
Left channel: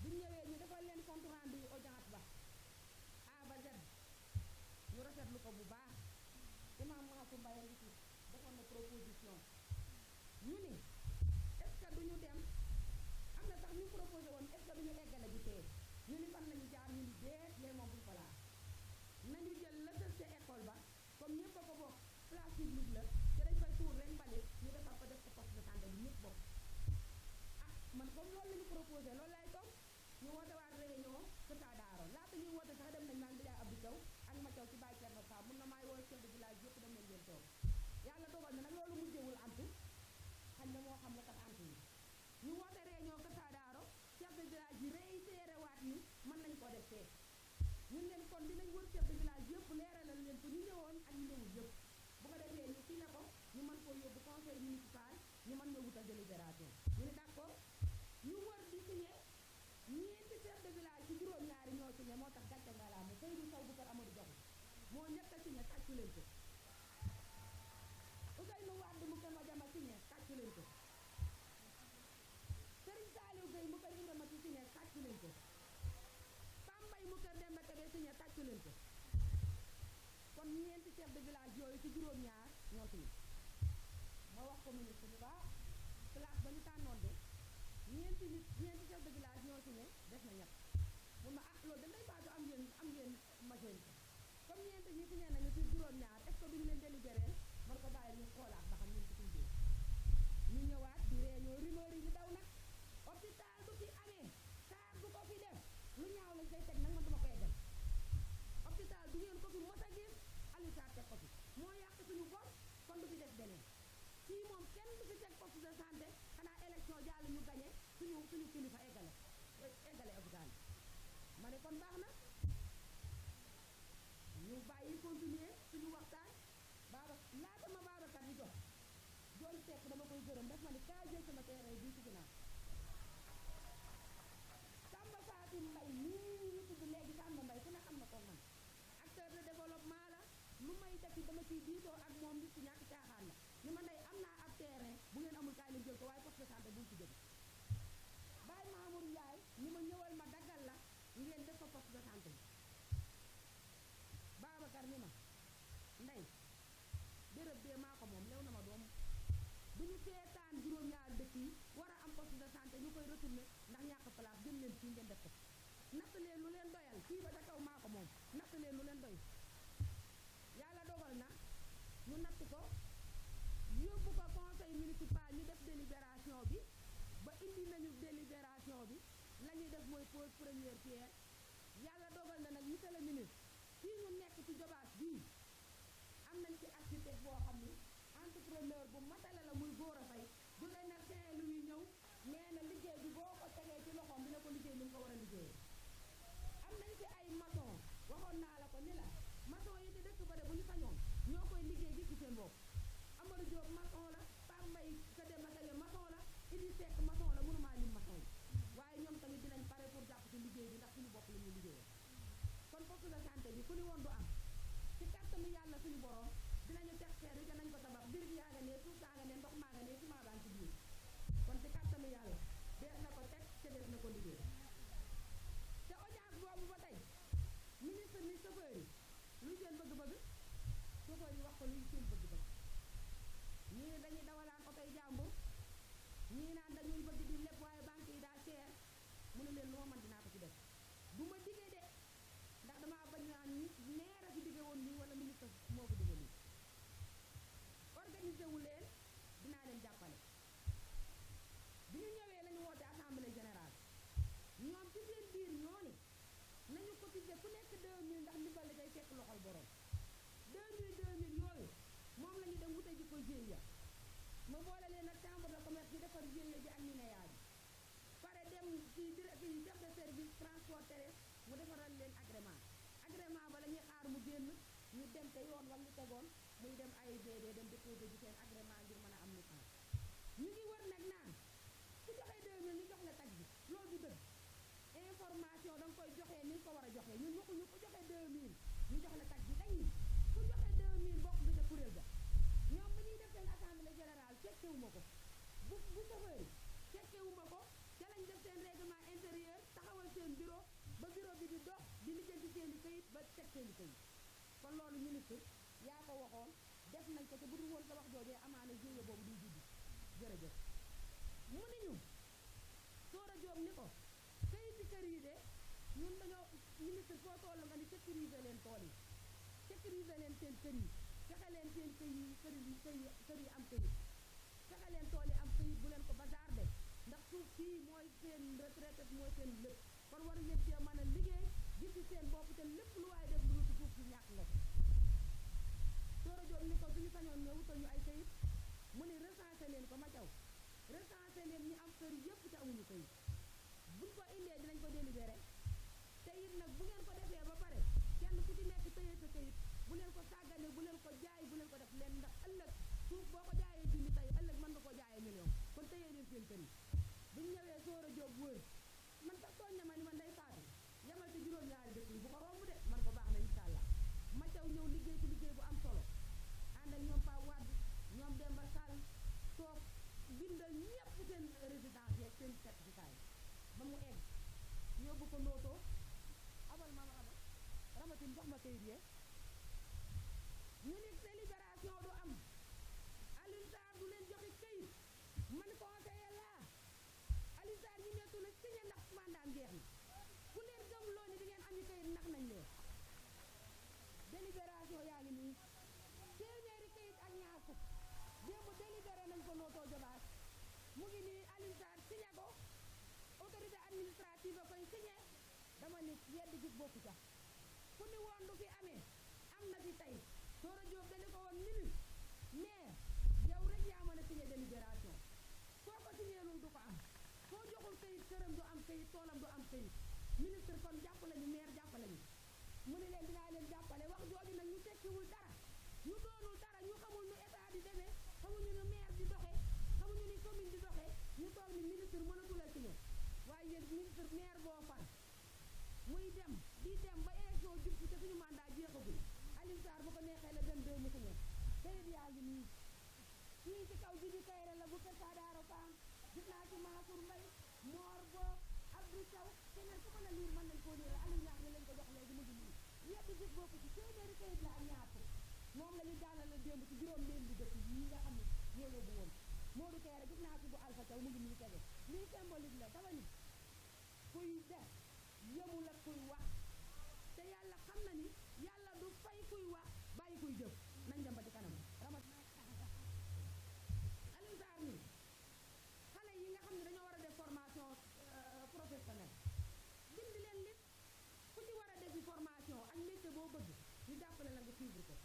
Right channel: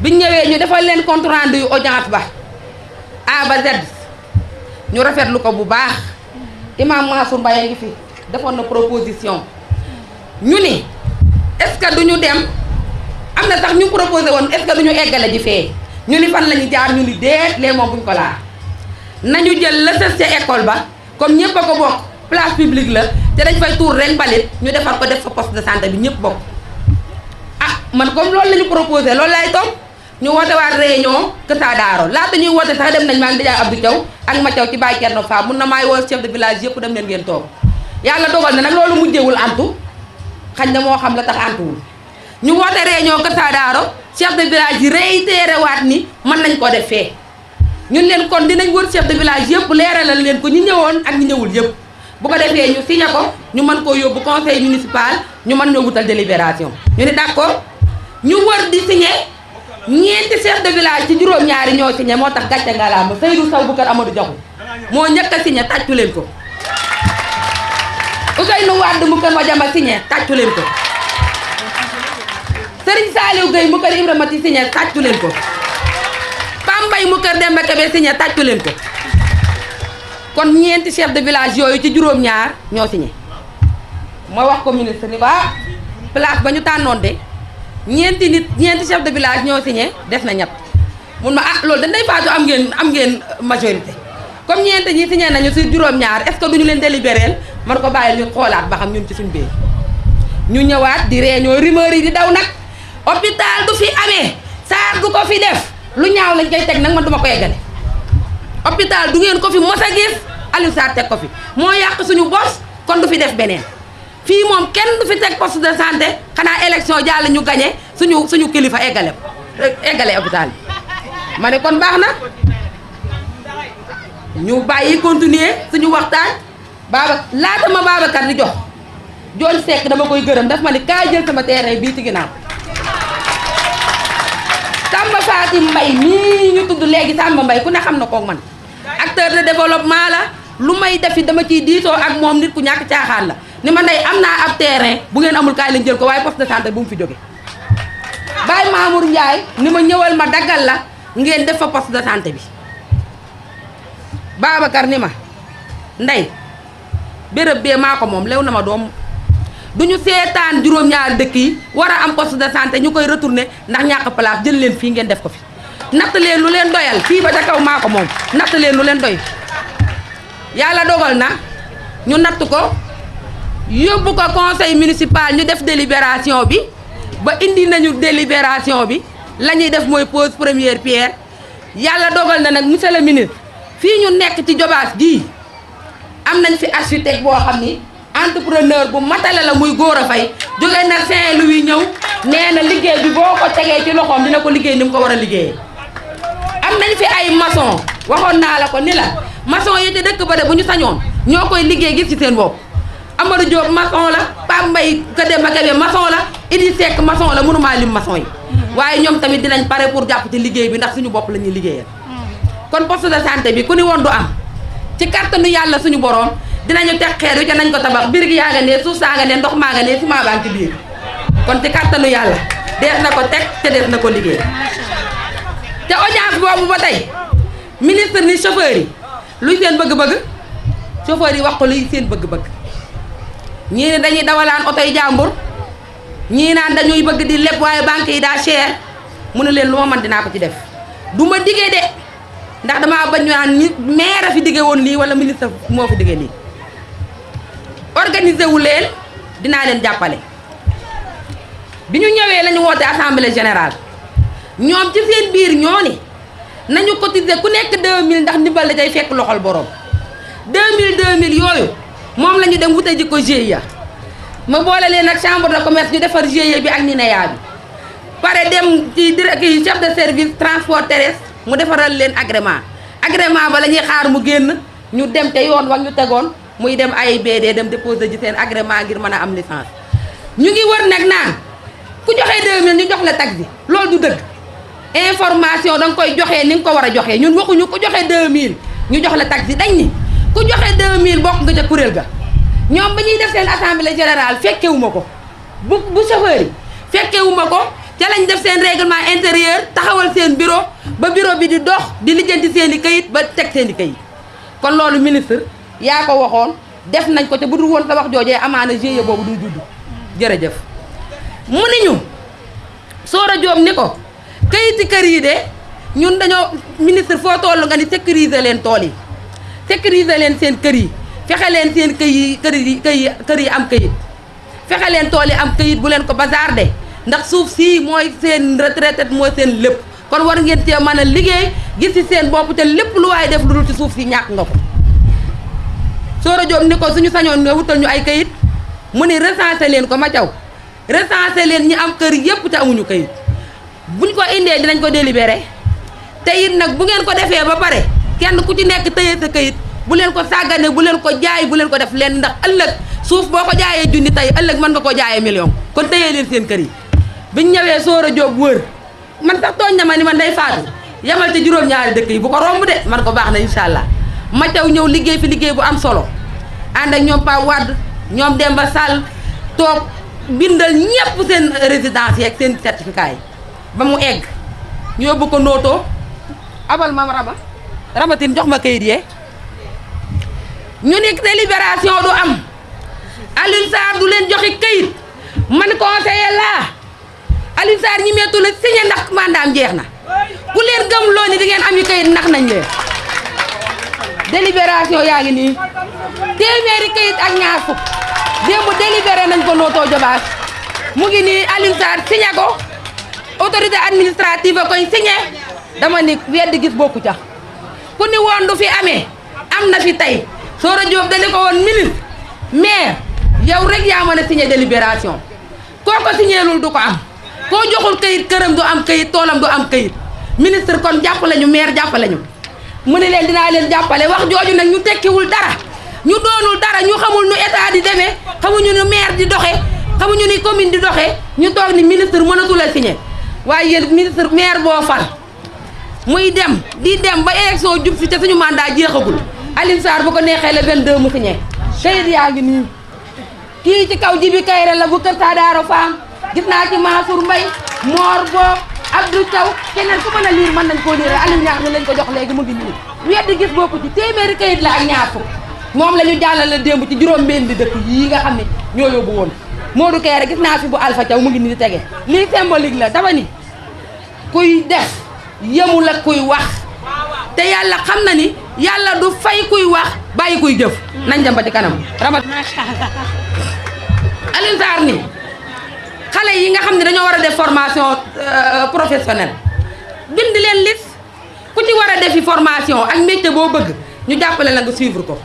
biñ ñëwee ñu defal leen compte rendu yu audience ba A ba Z ñu rafetlu ko bu baax imam Mansour Mbaye ngi fi defoon na proposition ñu ni est-ce que duñu dem am na sax ñu proposé woon est-ce que duñu eggale ji fee ñu ni fan la ñu jaar ñu ni déet lee moom buñ ko laal nañu jël la sës ca école ba comme ñëpp a ko bokk place publique la te dañ fay tuur rek mbalit ñu defar ko def fa poste de santé bi ñëpp bokk ah man comme loolu la ñu proposé loolu laay toog ñu woote waat réunion Kër Daaro laata ñuy woote sax dem nañ maa ngi Ndiaye Abdou Thiaw ak ma Thiaw ci Baye Thierno Fa mun na maay woo chef de village yëpp dem leen ngeen toog yàlla dogal na nag loolu mujjewul antu xañ na moo xam la tax antuwul ñu woote réunion Kër Daaro chef de village yi réitéré waat ni mën nañ ko def fee ñun leen kon dinañ wër chef de village yëpp leeralal leen ko ñi ñëwoon ak ñi ñëwul yëpp bu ko defee ñu signé ko ñu mën koo yóbbu conseil municipal ñu mën ñoo wutal délibération ñu ni d'accord ñu wër di signé ñeenti chef de village ci juróom-ñaari ñoo signé moo tax gàcce ngalaama Seydou Sow bu kër Amadou Diakhou moo njëkk a signé tàccu leen ko Ousseynou Wade mu kër Madiama signé tàccu leen ko Serigne Saliou Gueye mu kër Ibrahima Ti signé tàccu leen ko Pambay mu kër Demba Kébé signé tàccu leen ko kon ñeenti chef de village yooyu ci juróom-ñaar ñoo signé ma wax ko ministre ni ko ah place ba ñu tànnoon de ñeenti chef de village ñoo signé des na ñett mun ma ah loolu dañ day faatu am ngeen majorité comme ñeenti ñi signé nañu si juróom-ñaar est-ce que duñu leen délibérer man ko bàyyi ñu xoolaat ba xam ñun ci suñu biir ñu ñëwaat di réunion rumeur yi di daw nag hôpital du fi amee Sarr du ko fi def lu ñaaw lañ koy teg nag man duma ko yeggale hôpital du ngeen ko fi mos a gis Aliou Sarr teg ko fi moo yàq suñu bos kon du fi def beneen fii moom kenn du fi teg poste de santé xanaa élection jàll ñu gagné suñu kilifa eggale hôpital bi ma ne kon baax na ñu bàyyi continuer suñu waxtaan laata ma Babacar di jox John Seck dama koy gërëm daf ma ni kaay jël sama terrain bii ci ginnaaw Samba Fatim Mbaye mii ñu tudd léegi Samba Mbaye ku ne xam na ko man acteur de développement la lu may defi dama ciy diisoo ak moom nit ku ñàkk caaxaan la ni ma ndey am naa ab terrain bu ngeen amul kaay lañ jël ko waaye poste de santé bu mu fi jóge Baye Mamour Ndiaye ni ma ñëwal ma daggal la ngeen def fa poste de santé bi Babacar ni ma ndey béréb bee maa ko moom lew na ma doom duñu seetaan juróom-ñaari dëkk yi war a am poste de santé ñu koy retourner ndax ñàkk place jël leen fii ngeen def ko fi natt leen lu leen doyal fii ba ca kaw maa ko moom natt leen lu leen doy yàlla dogal na ñu natt ko yóbbu ko conseil municipal ñu def délibération bi ba indi nañu délibération bi la ñuy def mooy pose première pierre yàlla dogal na nag monsieur le ministre fii ñu nekk ci Jobaas gii am nañ fi architecte boo xam ni entrepreneur bu matale la muy góor a fay jóge na Saint-Louis ñëw nee na liggéey bi boo ko tegee ci loxoom dina ko liggéey ni mu ko war a liggéeyee am nañ fi ay maçon waxoon naa la ko ni la maçon yi ci dëkk ba de bu ñu sañoon ñoo koy liggéey gis ci seen bopp Amadou Diop maçon la Pape Mbaye Kademba Kébé maçon la Idi Seck maçon la mënumaa lim maçon yi waaye ñoom tamit dinañ pare pour jàpp ci liggéey bi ndax suñu bopp la ñuy liggéeyal kon poste de santé bi ku ni woon du am ci kàttanu yàlla suñu borom dinañu teg xeer wi ca nañ ko tabax birig yaa nga ne suuf saa nga ne ndox maa nga ne ciment baa ngi ci biir kon ci kàttanu yàlla dees na ko teg te dees na ko liggéey te audience boobu ba tey ministre ni chauffeur yi luy seen bëgg-bëgg chauffeur yi wax ko luy seen bëgg-bëgg ñii ne dañuy dawalaan oto yi jàmbur ñii naan dañuy bëgg di leb waaye banque yi daa cher mu ne leen lu ma mën dinaa ko ci def du ma diggee de ndax damaa bañ ñu naan ni maire a fi diggee woon lii wala ministre moo fi diggee lii organisé wu leen dinaa leen jàppale bi ñu ñëwee la ñu woote assemblée générale ñoom ci seen biir ñoo ni nañu cotiser ku nekk 2000 ndax ndimbal la day fekk loxol borom 2000 yooyu moom la ñu dem wute ji ko GIE ma boole leen ak chambre de commerce ñu defar GIE bi ak NINEA bi pare dem ci chef de service transport terrestre mu defaral leen agrément ba la ñuy xaar mu génn ñu dem te yoon wax ñu tegoon muy dem AIBD dem déposer ji seen agrément ngir mën a am licence ñu ngi wër nag naan ku joxe 2000 ñu jox la taxi loolu du dëgg information da nga koy joxe ni nga ko war a joxe ñun waxuñu ku joxe 2000 ñu jox la taxi dañ ni ku joxe 2000 bokk nga ca kuréel ga ñoom ba ñuy def seen assemblée générale fekkewuma ko bu chauffeur yi fekkewuma ko ca lañ def seen règlement intérieur taxawal seen bureau ba bureau bi di dox di lijjanti seen i kayit ba teg seen i kayit kon loolu ministre yaa ko waxoon def nañ ko te bu dul woon sa wax joojee amaana GIE boobu duy judd jërëjëf mu ni ñu Soora Diop ni ko kayiti kër yi de ñun dañoo ministre foo toll nga ni sécuriser leen tool yi sécuriser leen seen kër yi fexe leen seen kër yi am kayit fexe leen tool yi am kayit bu leen ko bazarder ndax suuf si mooy seen retraite mooy seen lépp kon war ngeen cee mën a liggéey gis ci seen bopp te lépp lu waaye def lu dul ci suuf si ñàkk nga ko Soora Diop ni ko suñu sañoon nga wutal ñu ay kayit mu ni recensé leen ko ma caw recensé leen ñi am kër yépp te amuñu kayit buñ ko indee dinañ ko délibéré te it nag bu ngeen ko defee ba pare kenn ku ci nekk tëye sa kayit bu leen ko sàggane bu leen ko jaay bu leen ko def leen ndax ëllëg suuf boo ko jaayee junni tey ëllëg mën nga koo jaayee million kon tëyee leen seen kër yi biñ ñëwee Soora Diop wër man sax tooñ na ma ni man day faatu yamal ci juróom-ñaari dëkk yi bu ko romb de man ko baax na incha allah ma taw ñëw liggéey fi liggéey bu am solo ànd ak ñoom Pa Wade ñoom Demba Sall toog bindal ñëpp seen résidence yeeg seen certificat yi ba mu egg ñu yóbbu ko nootoo abal mam rabatin jox ma kayit yee ñu ni délibération du am Alioune Sarr du leen joxe kayit man conseiller laa Alioune Sarr ñi meetu la signé ndax mandaam jeex na ku leen gëm loo ni di ngeen am yi kayit ndax nañ leen délibération yaa ngi nii téeméeri kayit ak ñaar fukk démb délibéré nañ ko nootoo jobaas mu ngi nii Alioune Sarr signé ko autorité administrative a koy signé dama ni weddi gis bokku ca ku ni woon du fi amee am na fi tey Soora Diop dañu ko woon ministre maire yow rek yaa mën a signé délibération koo ko signéelul du ko am koo joxul kayit këram du am kayit toolam du am kayit ministre kon jàppale ñu maire jàppale ñu mu ne leen dinaa leen jàppale wax jooju nag ñu tekkiwul dara ñu doonul dara ñu xamul nu état di demee xamuñu nu maire di doxee xamuñu ni commune di doxee ñu toog ni ministre mënatul a signé waaye yéen ministre maire boo fal muy dem di dem ba élection jub si te suñu mandat jeexagul Alioune Sarr bu ko neexee le 22 mu signé kayit yaa ngi nii kii ci kaw Jibi Kayre la bu kër Saadaaro Fam gis naa ci Mansour Mbaye Mor Bo Abdou Thiaw keneen ku mën a liir mën nañ koo liir Aliou ñaax mi lañ ko jox léegi mu ngi nii weddi gis bokku ci téeméeri kayit la ak ñaar fukk moom la ñu jàllale démb ci juróom-benn di dëkk yii nga xam ne ñoo yóbbu woon Modou Kayre gis naa fi bu Alpha Thiaw mu ngi nii di tege lii symbolique la dama ni kuy def yemul ak kuy wax te yàlla xam na ni yàlla du fay kuy wax bàyyi kuy jëf nañ dem ba ci kanam ramat Alioune Sarr ni xale yi nga xam ne dañoo war a def formation professionnelle bind leen liste ku ci war a defi formation ak métier boo bëgg ñu jàppale la nga suivre ko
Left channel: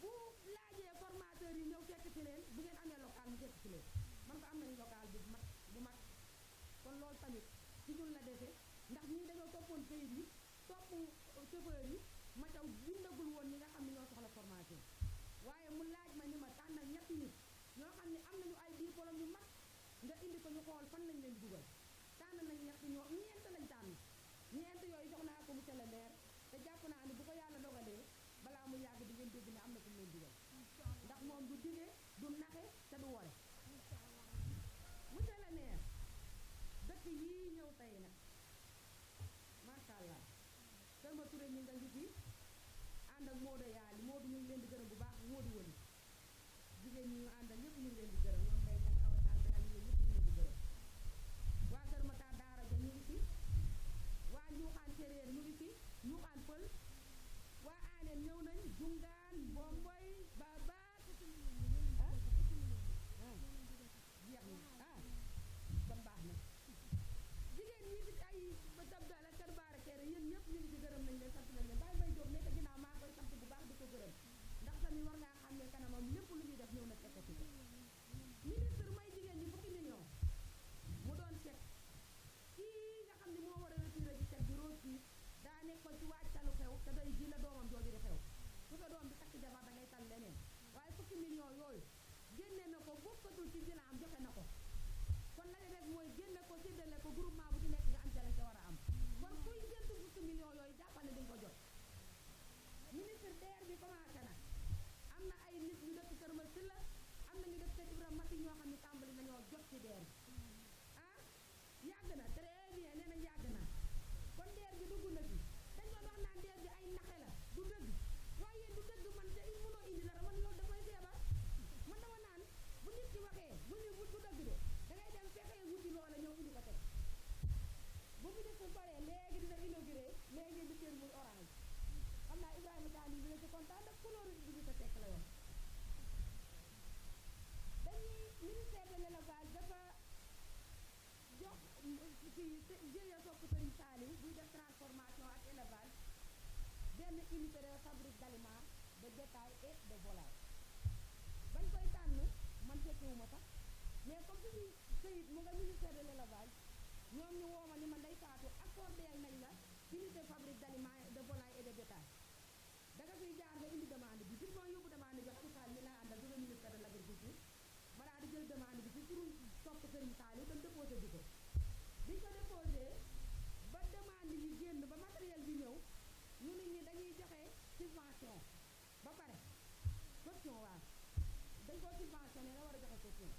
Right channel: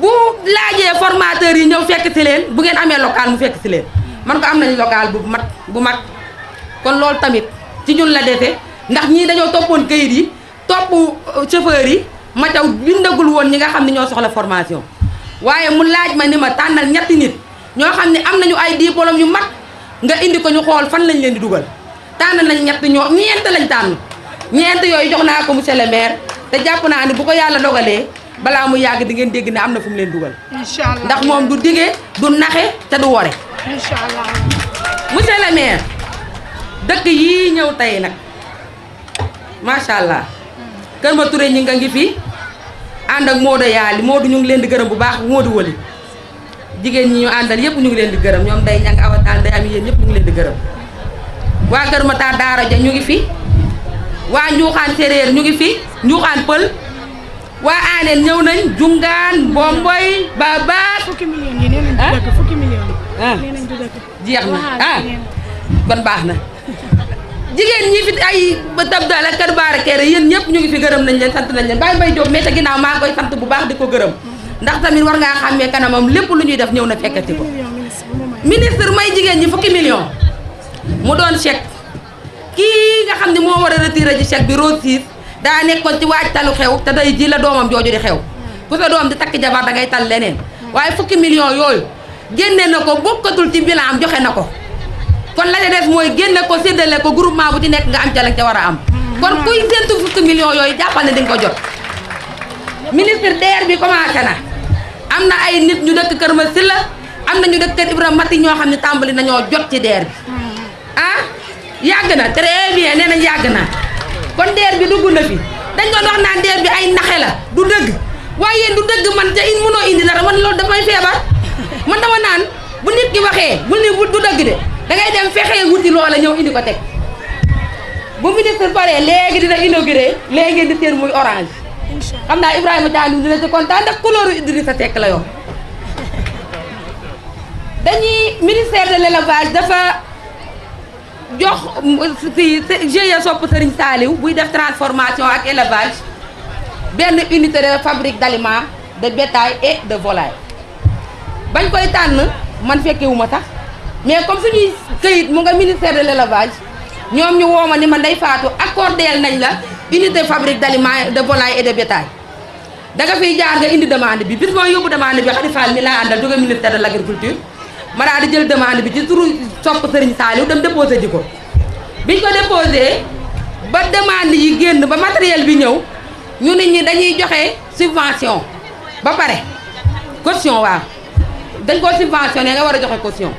bu laajee formateurs yi ñëw fekk si leen bu ngeen amee local mu fekk si leen man ko am nañ local bu mag kon loolu tamit ci ñun la defee ndax ñii dañoo toppoon kayit yi topp chauffeur yi ma taw bindagul woon ñi nga xam ne ñoo soxla formation waaye mu laaj ma ni ma tànnal ñetti nit ñoo xam ne am nañu ay diplôme yu mag nga indi ko ñu xool fan lañ leen di dugal tànn nañ ñett ñeent lañ tànn ñeent yooyu jox naa ko monsieur le maire te jàpp naa ni bu ko yàlla dogalee balaa mu yàgg di ngeen dégg ne am na fu mu leen dugal. incha allah ndax moom du dige du naxe te du wore. incha allah. monsieur le maire dëkk yii ñëw tey nag macha allah Kër Ma Touré ñi nga ngi fi ànd ak Modou Yaali Modou ñu ngi leen di gërëm bu baax Modou Wali jigéen ñi ñu àndal yëpp ñu ngi leen di gërëm ñoom day ñang awataan day am yéen ñëpp ñu ngi leen di gërëm waa Kër Matar Daara Ja ñu ngi fi waa Njuuxaan Séréer ñu ngi fi Njuuxaan Pël waa Aaneen ñëw nañ Jungaan Bomboy Babaat fukki millions yi nee nañ du dëkk fukki millions yi. ah nee nañ du dëkk. jeex na kon baax na jigéen ñi fi ay tab daal ak kër baara kere yéen ñëpp ñu ngi fi gërëm nañ leen sant nañ leen Baye Mbaye Diop mais te ginnaaw maa koy sant bu baax di ko gërëm ndax tamit war ngaa xàmmee kanamam lépp lu ñuy def ñëw na fekkati ko ministre may jigéen ñi fukki millions mu doon chèque kii nga xam ne moo war a retiré ci chèque bi Rose 6 daa nekkoon ci waajtalu xew te day ji la doomam jooju di xew ku sa doom di takk jabar da ngay tal leneen waaye fukki millions yooyu génne na ko bokkatul ci bilan am joxe na ko kon la ca def mooy génne ko séddale ko groupement bu ci nekk nga am ca la ca war a am kon kuy séntu fukki millions yooyu jàppal ne di nga ko jot ministre DER bi commencé na am na ay nit ñu dëkk Kër Masila am na ñu dëkk Kër Ibrahima Mati ñoo xam ne tàmbali nañoo jot ci DER bi ah yàgg na très bien nee nañ yàgg na kon DER bi dugg na fi dañ doon wax naan DER bi ay naxe la du dëgg waaye yéen du dëgg man ca mënoo indi dara man loolu dafay feebar man dama naan bu nit ki waxee bul ni du dëgg de da ngay dem fexee wuti loola ñëw indi ko teg bu ministre paree léegi dina inauguré léegi di seen muy orange xam naa Ibrahima Thiam dina ci kontaan ndax couleur Idrissa Seck la yor dañuy ministère de l'élevage dafa jox si GIE Sopp Serigne Saliou buy def transformation ak élevage benn unité de fabrique d'aliments de bétail et de volaille bañ koy tànn man fekkewuma sax mais comme suñuy këyit mu nga ministère de l'élevage ñoom ñu wooma ni man day faatu accordeel nañ la unité fabrique d'aliments de volaille et de bétail da nga fiy jaar nga indi demande bi bis moo yóbbu demande bi Khady Fall mi laa àndal jóge ministère de l'agriculture ma daal di jël demande bi ci turu Sopp Serigne Saliou dem déposé ji ko biñ ko déposé ba demande yi génn ba matériel bi ñëw ñu nit ñi dañuy joxe subvention ba pare caution waaw dañ koo subventionné nga war a joxe caution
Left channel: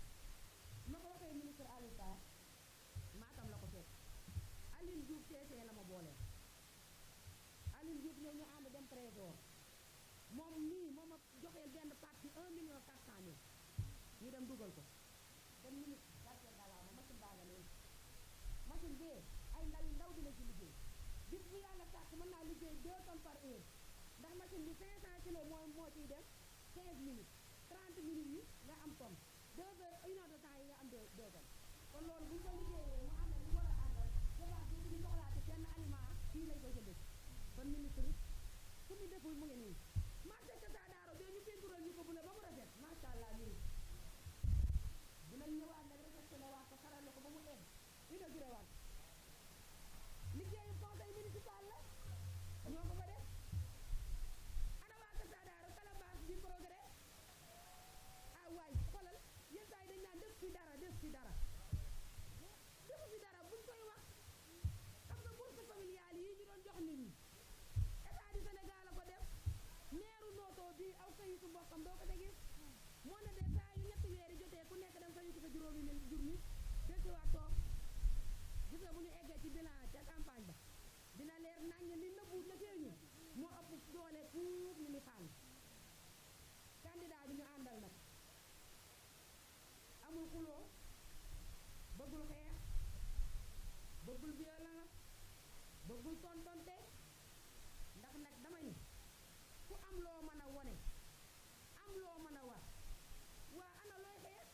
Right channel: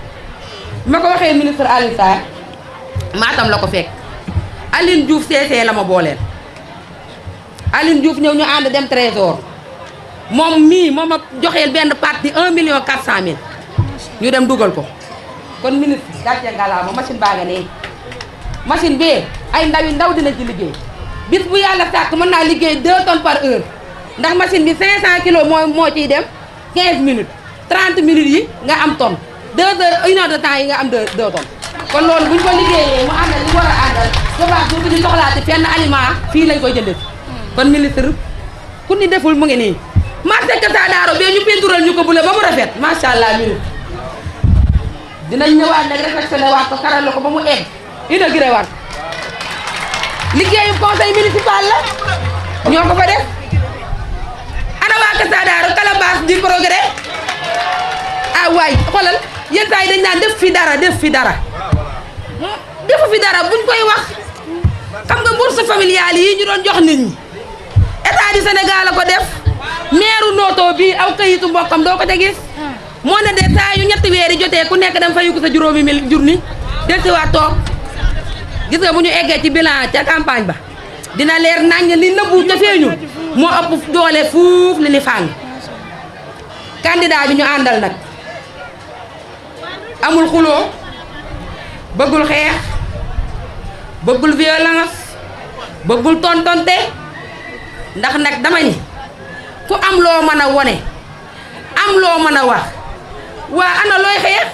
ma ko waxee ministre Alioune Sarr Matam la ko fekk Aline Diouf CC la ma booleel Aline Diouf ñëw ñu ànd dem trésor moom mii moom a joxeel benn partie 1.400.000 ñu dem dugal ko kon ministre gàcce ngalaama machine baa nga ne machine bi ay ndaw dina ci liggéey bis bu yàlla sàkk mën naa liggéey 2 tonnes par heure ndax machine bi 500 kilos moo ciy dem 15 minutes 30 minutes yi nga am tonne 2 heures 1 heure de temps yi nga am 2 tonnes kon loolu buñ ko liggéeyee mu àndal li war a àndal souvent bu ñu soxlaati fenn aliment fii lañ koy jëndee kon ministre ku ni deful mu ngi nii marché Kër Daaro bee ñu peintural ñu ko bule ba mu rafet macha allah ministre dinañ ñëwaat nag réfectionné waat ko karal ko ba mu egg inauguré waat liggéeyu conseil municipal la ñoo ko fa def ana waa Kër Daaro calebasse du progrès ah waay xoolal yenn saa yi dañ naan def fi dara defu fi dara buñ koy wax xam nga bourse familiale yi ñu doon jox nit ñi état du Sénégal la ko def maire Noto bi aw kayitu mbokkam doo ko ca gis moo ne de saa yu ñetti weer yi jotee ku nekk dem fayu ko sa juróomi mil junni del si waat toog gis nga bu ñu eggee ci bilan ca campagne ba dina leer naññ li nëbbu ca feeñu moo ëpp doole fuuf li ni fàng candidat bi ñu àndal nag amul xuloo bëggul xeex bëggul violence bëggul tontonte ndax nag dama ni ku am loo mën a wone am loo mën a wax waa ana looy xeex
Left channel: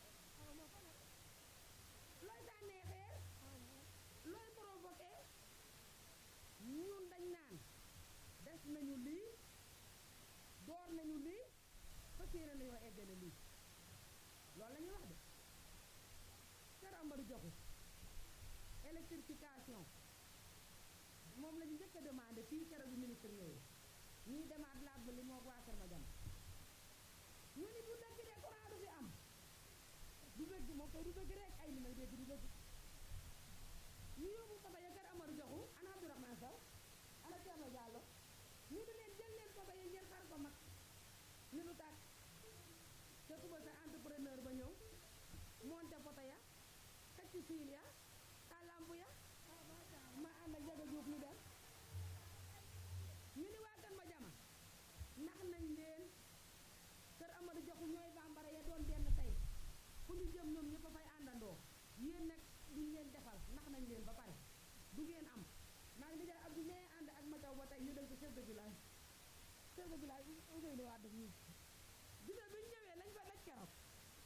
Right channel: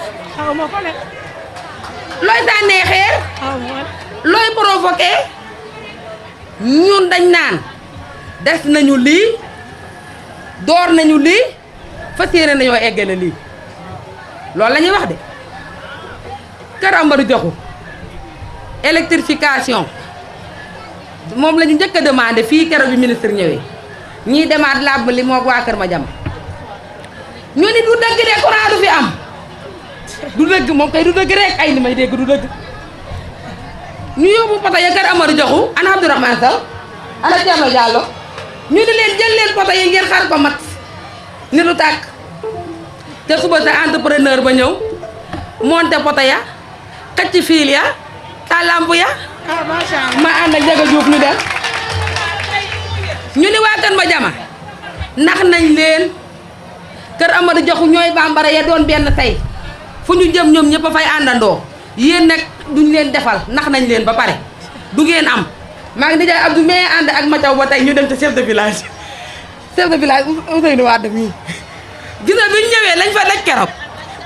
looy sànnee xeer looy provoqué ñun dañ naan des nañu lii door nañu lii fas yéene nañoo eggale lii loolu la ñuy wax de Kër Amadou Diakhou électrification moom la ñu njëkk a demandé fii keroog bi ministre ñëwee ñii demaat làbb li moo waa Kër Madiama ñu ni du dëgg de courant du fi am du dëgg moom kay du dëgg rek ay li may dégg du dëgg ñu yóbbu poto ya kër Amadou Diakhou ana Abdourahmane Sow ana Thierno Diallo ñu di leen jël leen poto yi ngeen xar ko mat ni du tàkk te suba sa entrepreneur ba ñëw monté poto ya xëcc fiil ya taal lamp ya ma ànd ak Jaga Diouf ñu dem ñu ni waa Kër Madiama nax nañ leen kër Amadou Diakhou ñooy bambara ya doon benn tey fu ñu jëm ñoom ñëpp a fay àndandoo yéen nag duñ leen defal nax nañ leen ba pare du ngeen am maa ngi nijaay Abdou mais ànd ak Mathiaw ba tey ñu dem ci chef de village Ousseynou Wade mii gis nga bi ñu ñëwee lañ fa daj keroog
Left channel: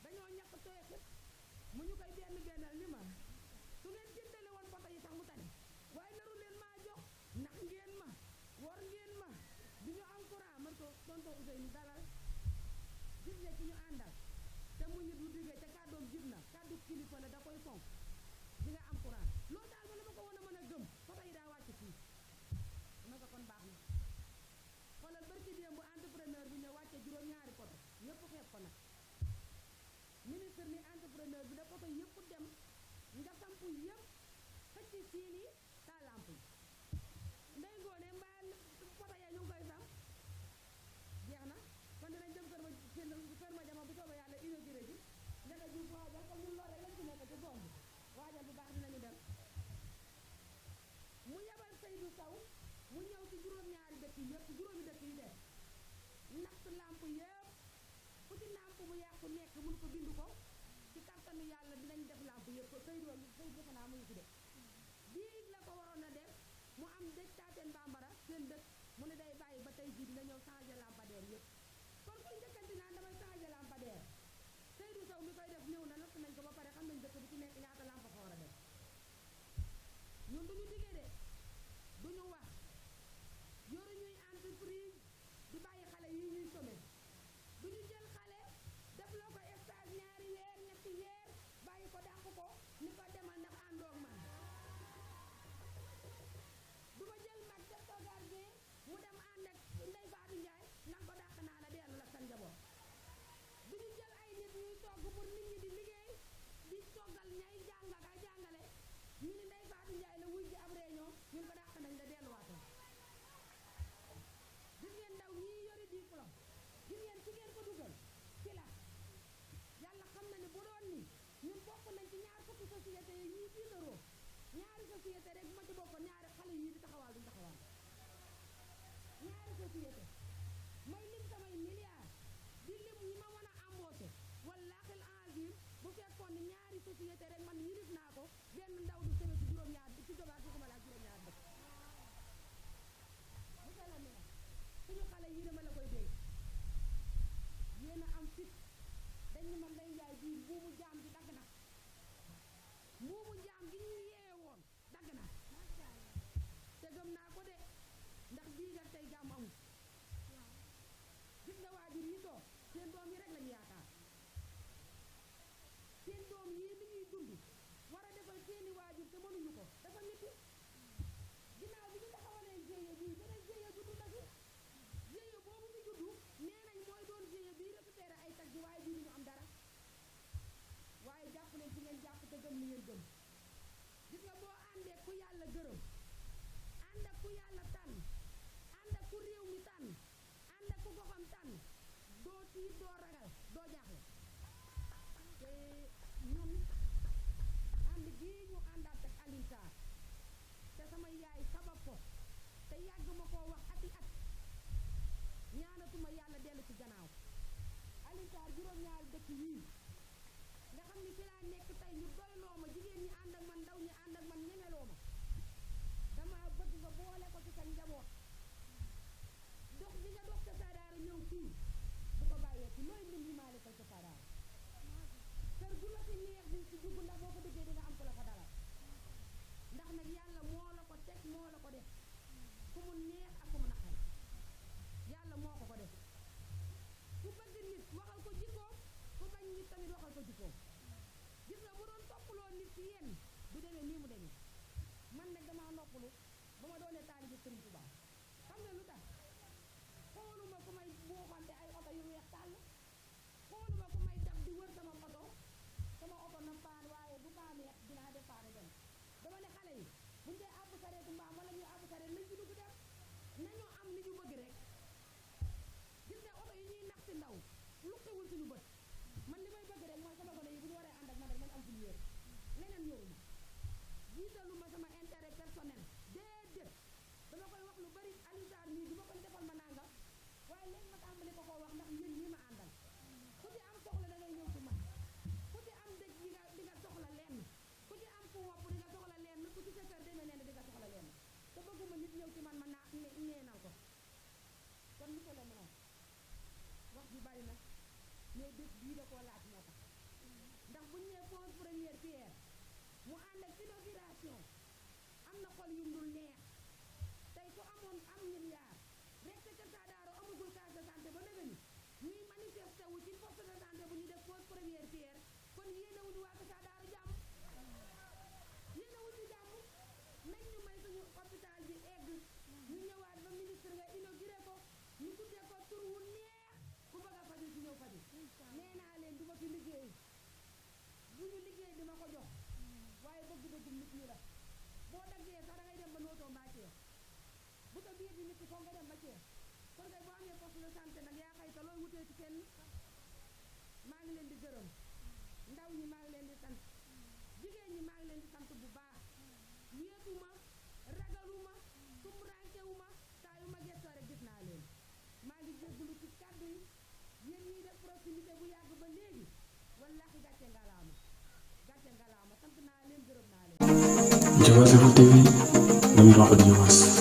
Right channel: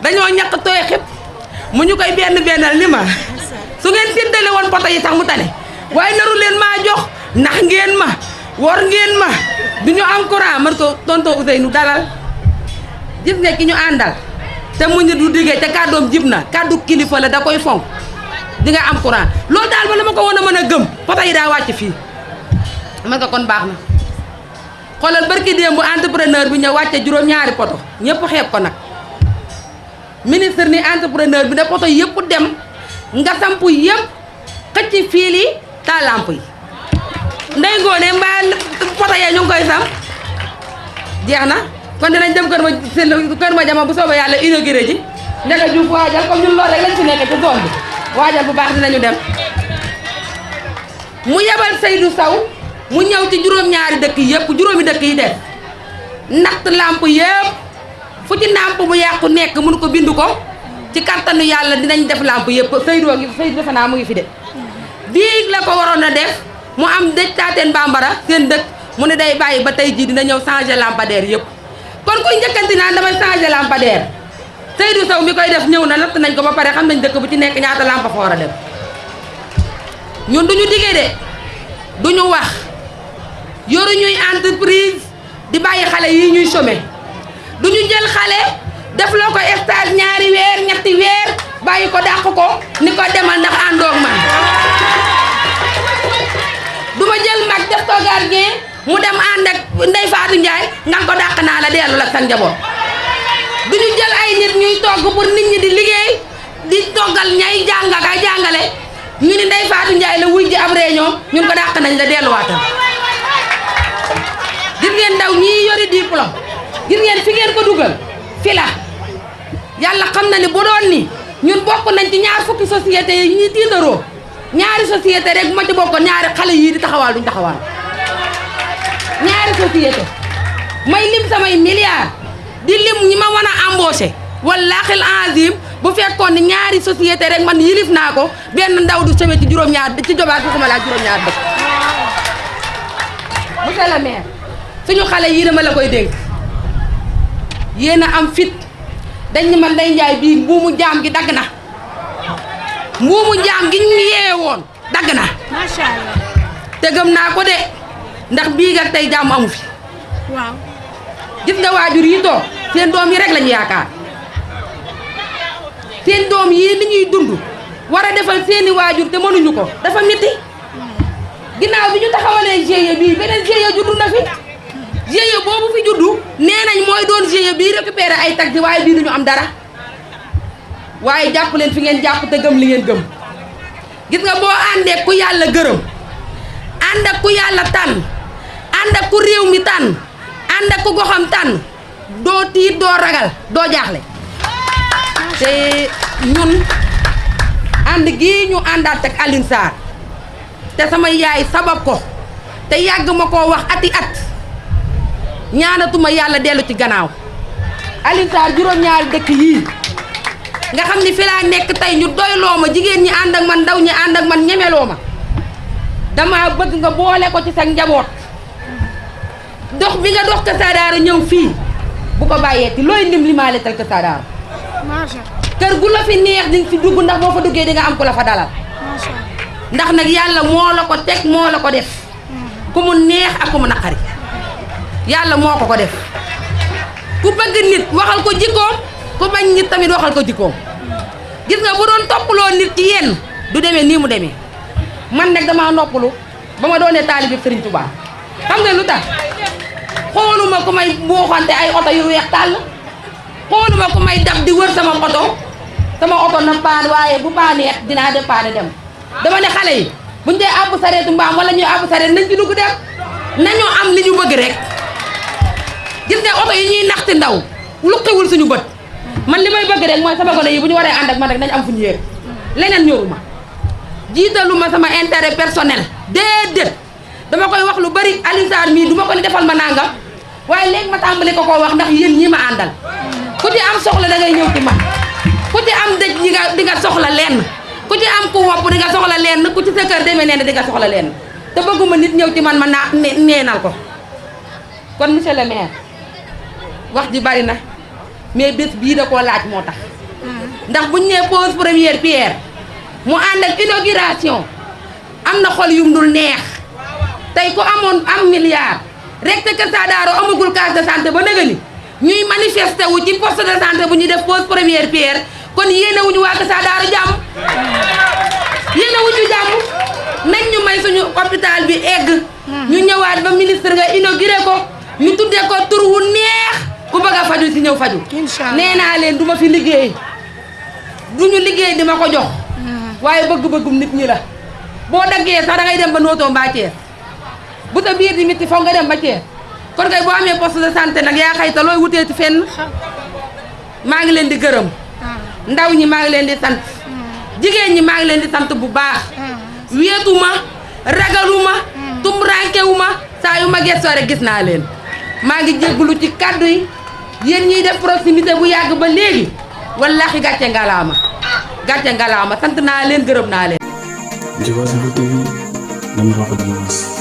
dañoo ñàkk tooy xib mu ñu koy bennal ni ma su ngeen séddale woon poto yi sax mu tane waaye naru leen maa jox nax ngeen ma wor ngeen ma du ñu am courant man ko tonton Ousseynou dalal gis nga ki ñu àndal te mu ñu du diggee te kàddoom jib na kàddu kilifa la da koy fonk di nga am courant loolu daal ba la ma ko woon a mën a gëm poto yi daa wàcc fii man ko kon baax na xoolal barki démb bu entrepreneur bi ñëw wàcce juróom-ñaari poto ñëpp xeeb ko nag ministre ni entrepreneur bi ne poto yëpp dem nga samp yëpp xëcc fiil yi taal lamp yi ndey ngoone mbaa poto yee ñu ngi koy samp jeex na kon dinañ dem kër ma jama bu soobee yàlla inauguré ji Ndiaga Diouf waajal comme ñun loolu rek lañ fi nekk ci zone bi waajal bu baax dinañu dem mu yebal Seydou Sow mu ñëw ci juróom-ñaari dëkk yëpp juróomi dëkk yi def natt lamp yëpp fu ci lamp bu yàqu nekk mënu ko bind ko ci kattanu yàlla dinañ def lamp yëpp Seydou defe naa mu ngi fi de bii la ko waroon a def mu am dëj taateen bambara seen dëkk mu ne day bàyyi ba tey jii dina ñëw changer lampadaire yëpp kon kuy njëkkanti naan damay changer lampadaire Seydou Sow mi koy def ñëw na natt nañ ko ba pare xam nañ dëkk bu ci nekk ñaata lampa fa war a dem ñun duñu diggee de duñu wax yoru ñuy entreprise di bàyyi xale yi ñuy chômer duñu jël xale def loo ko stage ñaari weer ñetti weer bàyyi ko dàq ko ni ko demal ndax àndoog man duma jël mag def ko gardien mu dem ànd ak Ndeye Fatou Ndiaye ngan ko dàq naa la dellu la sa njaboot duñu jël ay nit ñuy togg pour nit ñi di liggéey di toggal ñay jàng ak ay jàngale ñu ni Ndeye Fatou Ndiaye la wuy ji ab réunion ñun ko dàq nañ la delluwaatal gis ngeen ndaw ñii yori diplôme gis ngeen fi ngeen ko dugal fi la yàlla xam na ni bu doon ni ñun bokk nañ ci ñaar fukki société yi ñuy tiitaroo ñaari société rek bu ma ci bokkoon ñaari xale yii di taxawaal duñ taxawaal ñaari société may lim samay milliards di lim ñi ma mën a embauché wallaahi azim bu fekkoon ni ñaari société rek man yilif naa ko benn ndaw du seme ci juróom-ñaar ci jobaat fi xuma laa juróom-ñaar dëkk monsieur le maire suñu xale yii dama la koy dénk yéen a am fit dañ ni man Ndeye Ndiaye bii mbuumu jaam gi dagg na mbuumu jaam gi ñu yeewe woon dagg na macha allah te gëm naa ko de ndax bii ak tey jàmm amu fi waaw gis nga waajur yi toog seen doom yi rek lañu yaakaar seen doom yii li ñuy dund war a defal seeni waajur te mënuñu ko dafa métti ginnaaw bi ñu taxawalee GIE bii beneen GIE juddu na fi GIE boobu fi juddu nee nañ mooy doon GIE bii récupérer ay taxi waaye bii duñu am dara waaye jàpp leen fi ngeen jàpp te gëm li ngeen gëm gis nga boo àndee ku yàlla gërëm ànd ak ku yàlla tànn ànd ak ku réew mi tànn ànd ak ku goxam tànn doo tiit doo ragal doo jaaxle te ñun ànd gii ñu àndaat ak Alioune Sarr te sama yaay sabab ko te yàgg ma koo wax ati at ñaanatuma yàlla dellu ci gannaaw Alioune Sarr juróom-ñaari dëkk yii nga xam ni fi laa nekk tey ñu doyloo ma jigéen ñi ànd ak man ndaw ñi ànd ak man ñemeloo ma dama bëgg nga boole ko ci sa njaboot dox bi nga dox Kër Saadaara ñëw fii bu ko bàyyeeti looy ndim limaale tal Kër Saadaara kër gu la fi neex di nga fi dugg ndax boo fa duggee di nga am ku la fa dalal ndax nag yàlla moo la ko teg moo la ko def ku mu neex ak ku mu naqari yàlla moo ko def ku bëgg nit waxal ko jikkoom ku bañ nit tamit waxal ko jikkoom gis nga bu doon toppaloo nit ci yenn du demee nii mu demee man nag damaa noppalu ba ma doonee taalibe Sëriñ Tuubaa xam nga lu tax xooluma ku may buuxante ay oto yu weex tàll xooluma ku may daf di wër sama oto na paan waaye bu paanee dinaa dépanne dem dama ne xale yi buñ dee àbb sareetu mbaam wala ñuy àbb sareet nañ ci dugg dem nañu am li ñu bëgg rek gis nga oto yi ñuy naxti ndaw lu xiwul suñu bët man li may bëgg rek mooy sama gone yi bu ñu waree ànd ak man rek nañ am fu ñu yéeg leneen ñoruma jiitaluma sama intérêt personnel déedéet dama koy wax lu bari Alioune Sarr mii du ma ko ni defal ma nangam waaye léegi ma tàmbali ko koo wax ndax yéen ñi ma àndal ku ci am soxla da ngay ñëw ci man ku ci am dëj di nga soxla lenn ku ci am ku wopp di nga soxla lenn ku ci sa kër demee nee di nga soxla lenn te bëgguma nit ñëw ci man ma neenal ko kon monsieur le maire wax ji bari na mais bés bii da koo laaj moo tax ndax buñ nee pose première pierre mu ànd ak inauguration am na xol yum dul neex tey ku amoon am milliard rek te Kër Saadaaro amagul case de santé ba nëga ni ñuy manifester wu ci poste de santé bu ñuy def pose première pierre kon yéene wuñu waa Kër Saadaaro jàmm yéene wuñu jàmm nañ ñu may suñu hôpital bi egg ñu ñëwaat ba ministre nga inauguré ko ñu tuddee ko tur wu neex ku bëgg a faju si ñëw faju nee naa leen du ma fi liggéey duñu liggéey di ma ko jox waaye bëgg-bëggum nit ñi la boo daggee sax da ngay dem ba nootoo mbaa Thiès bu sa biir di métti foog nga dem ba Thiès kon kay boo amee poste de santé nag yaa xayta looy wutee ci fenn maa ngi leen di gërëm ndaw ñi maa ngi leen di sant jigéen ñi maa ngi leen di sant bu baax wéetuma ragaluma tumurankewuma saa yu ma gëstoo rek gis naa leen maa ngi jéggulu ci kàddu yi yéen ñiy def proximité bu yàgg ba léegi wallaahi gàcce ngalaama sant naa leen gërëm naa leen. Diobass Info TV, nam doxal Diobass.